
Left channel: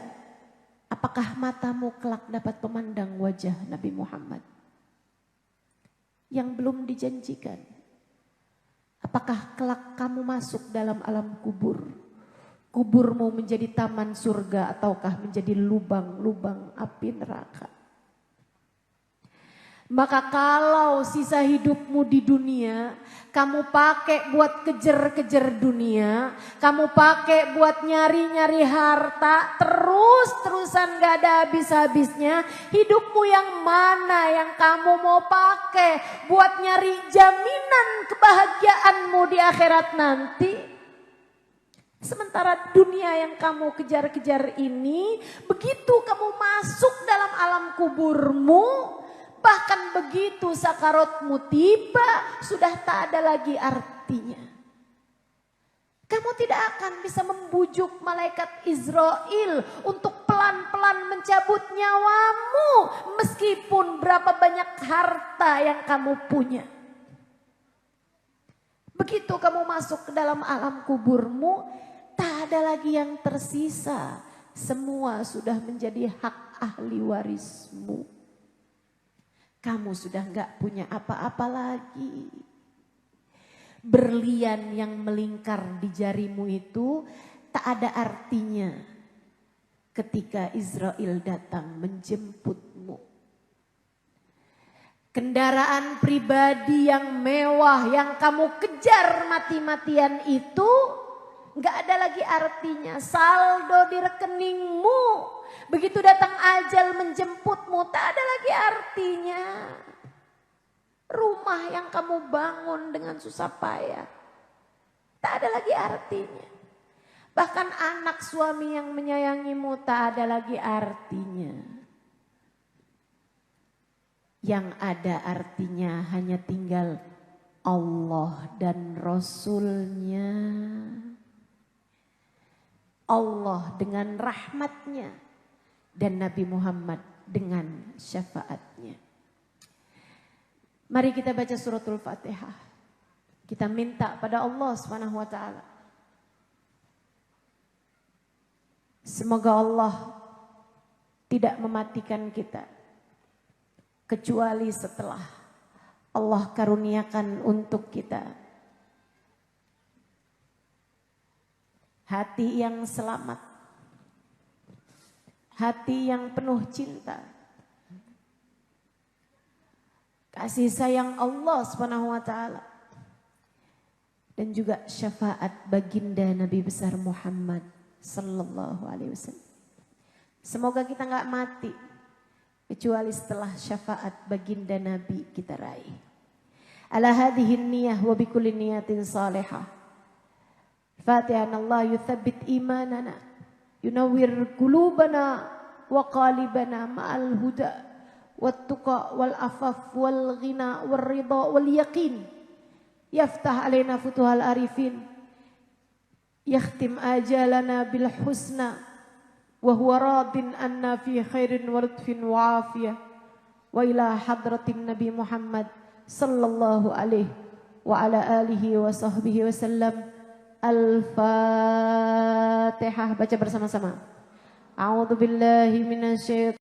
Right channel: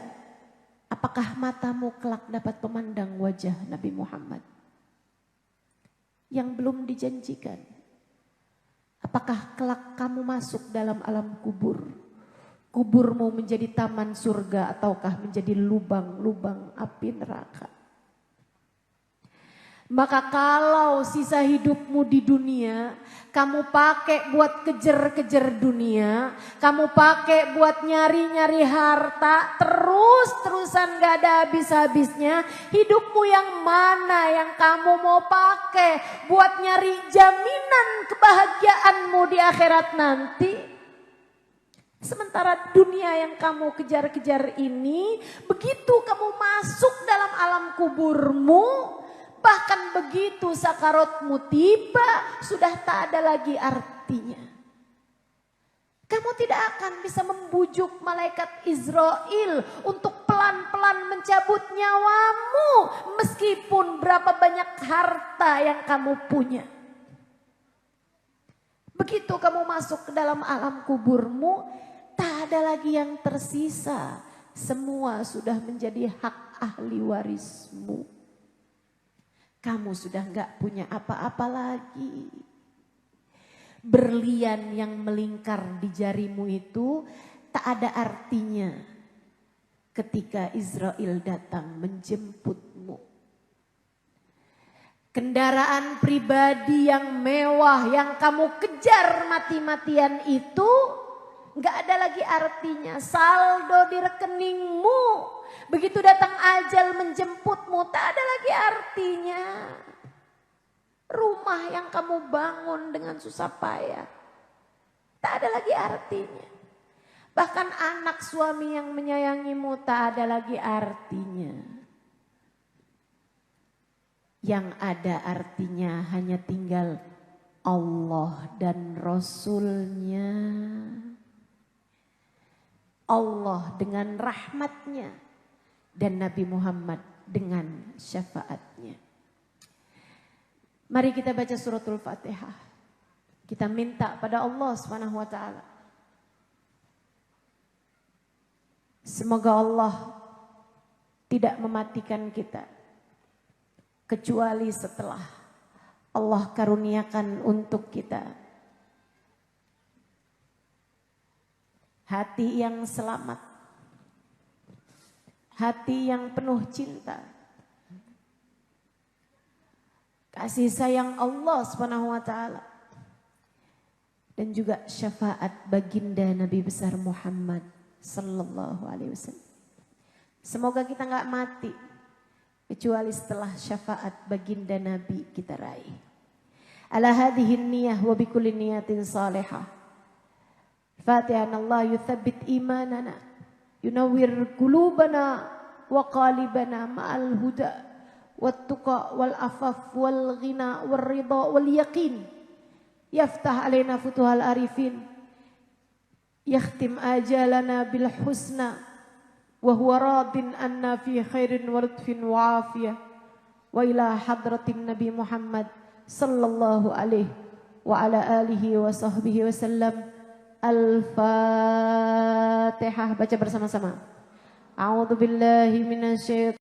apakah matamu kelak dapat memandang wajah Nabi Muhammad? Yang belum dijanjikan, apakah kelak kamu masuk dalam alam kubur? Kuburmu menjadi taman surga ataukah menjadi lubang-lubang api neraka? Maka kalau sisa hidupmu di dunia kamu pakai buat kejar-kejar dunia, kamu pakai buat nyari-nyari harta, terus-terusan gak ada habis-habisnya, hidupmu yang mana yang kamu mau pakai buat nyari jaminan kebahagiaanmu di akhirat nanti? Sementara dunia yang kamu kejar-kejar ini, begitu kamu masuk dalam alam kuburmu, bahkan begitu sakaratmu tiba, sudah tak ada lagi artinya. Kamu tidak akan bisa membujuk malaikat Israel untuk pelan-pelan mencabut nyawamu, meskipun berapa banyak harta yang kamu punya. Begitu kamu masuk ke dalam alam kuburmu, tak ada lagi yang tersisa. Semua sudah menjadi hak ahli warismu. Kamu sudah gak punya apa-apa lagi. Berlian yang melingkar di jarimu itu tak ada artinya ketika Israel datang menjemputmu. Kendaraan pribadi yang mewah yang kamu kejar mati-matian itu gak ada lagi artinya. Saldo di rekeningmu, begitu datang ajal menjemputmu, tak ada lagi artinya. Rumah yang kamu bangun dengan susah payah, tak ada lagi artinya. Bahkan anak suami yang menyayangimu tak ada lagi artinya. Yang ada artinya hanya tinggal Allah dan Rasulnya. Allah dengan rahmatnya dan Nabi Muhammad dengan syafaatnya. Mari kita baca suratul Fatihah. Kita minta pada Allah SWT. Semoga Allah tidak mematikan kita kecuali setelah Allah karuniakan untuk kita hati yang selamat, hati yang penuh cinta, kasih sayang Allah SWT, dan juga syafaat baginda Nabi besar Muhammad sallallahu alaihi wasallam. Semoga kita nggak mati kecuali setelah syafaat baginda Nabi kita raih. Ala hadhihi niyah wa bikulli niyatin salihah. Fatihan Allah yuthabbit imanana, yunawwir qulubana wa qalibana ma'al huda wat tuqa wal afaf wal ghina wal ridha wal yaqin. Yaftah alaina futuhal arifin, yakhtim ajalana bil husna wa huwa radin anna fi khairin wa lutfin wa afiyah wa ila hadratin Nabi Muhammad sallallahu alaihi wa ala alihi wa sahbihi wasallam. Al-Fatihah. Baca bersama-sama. A'udzu billahi minasy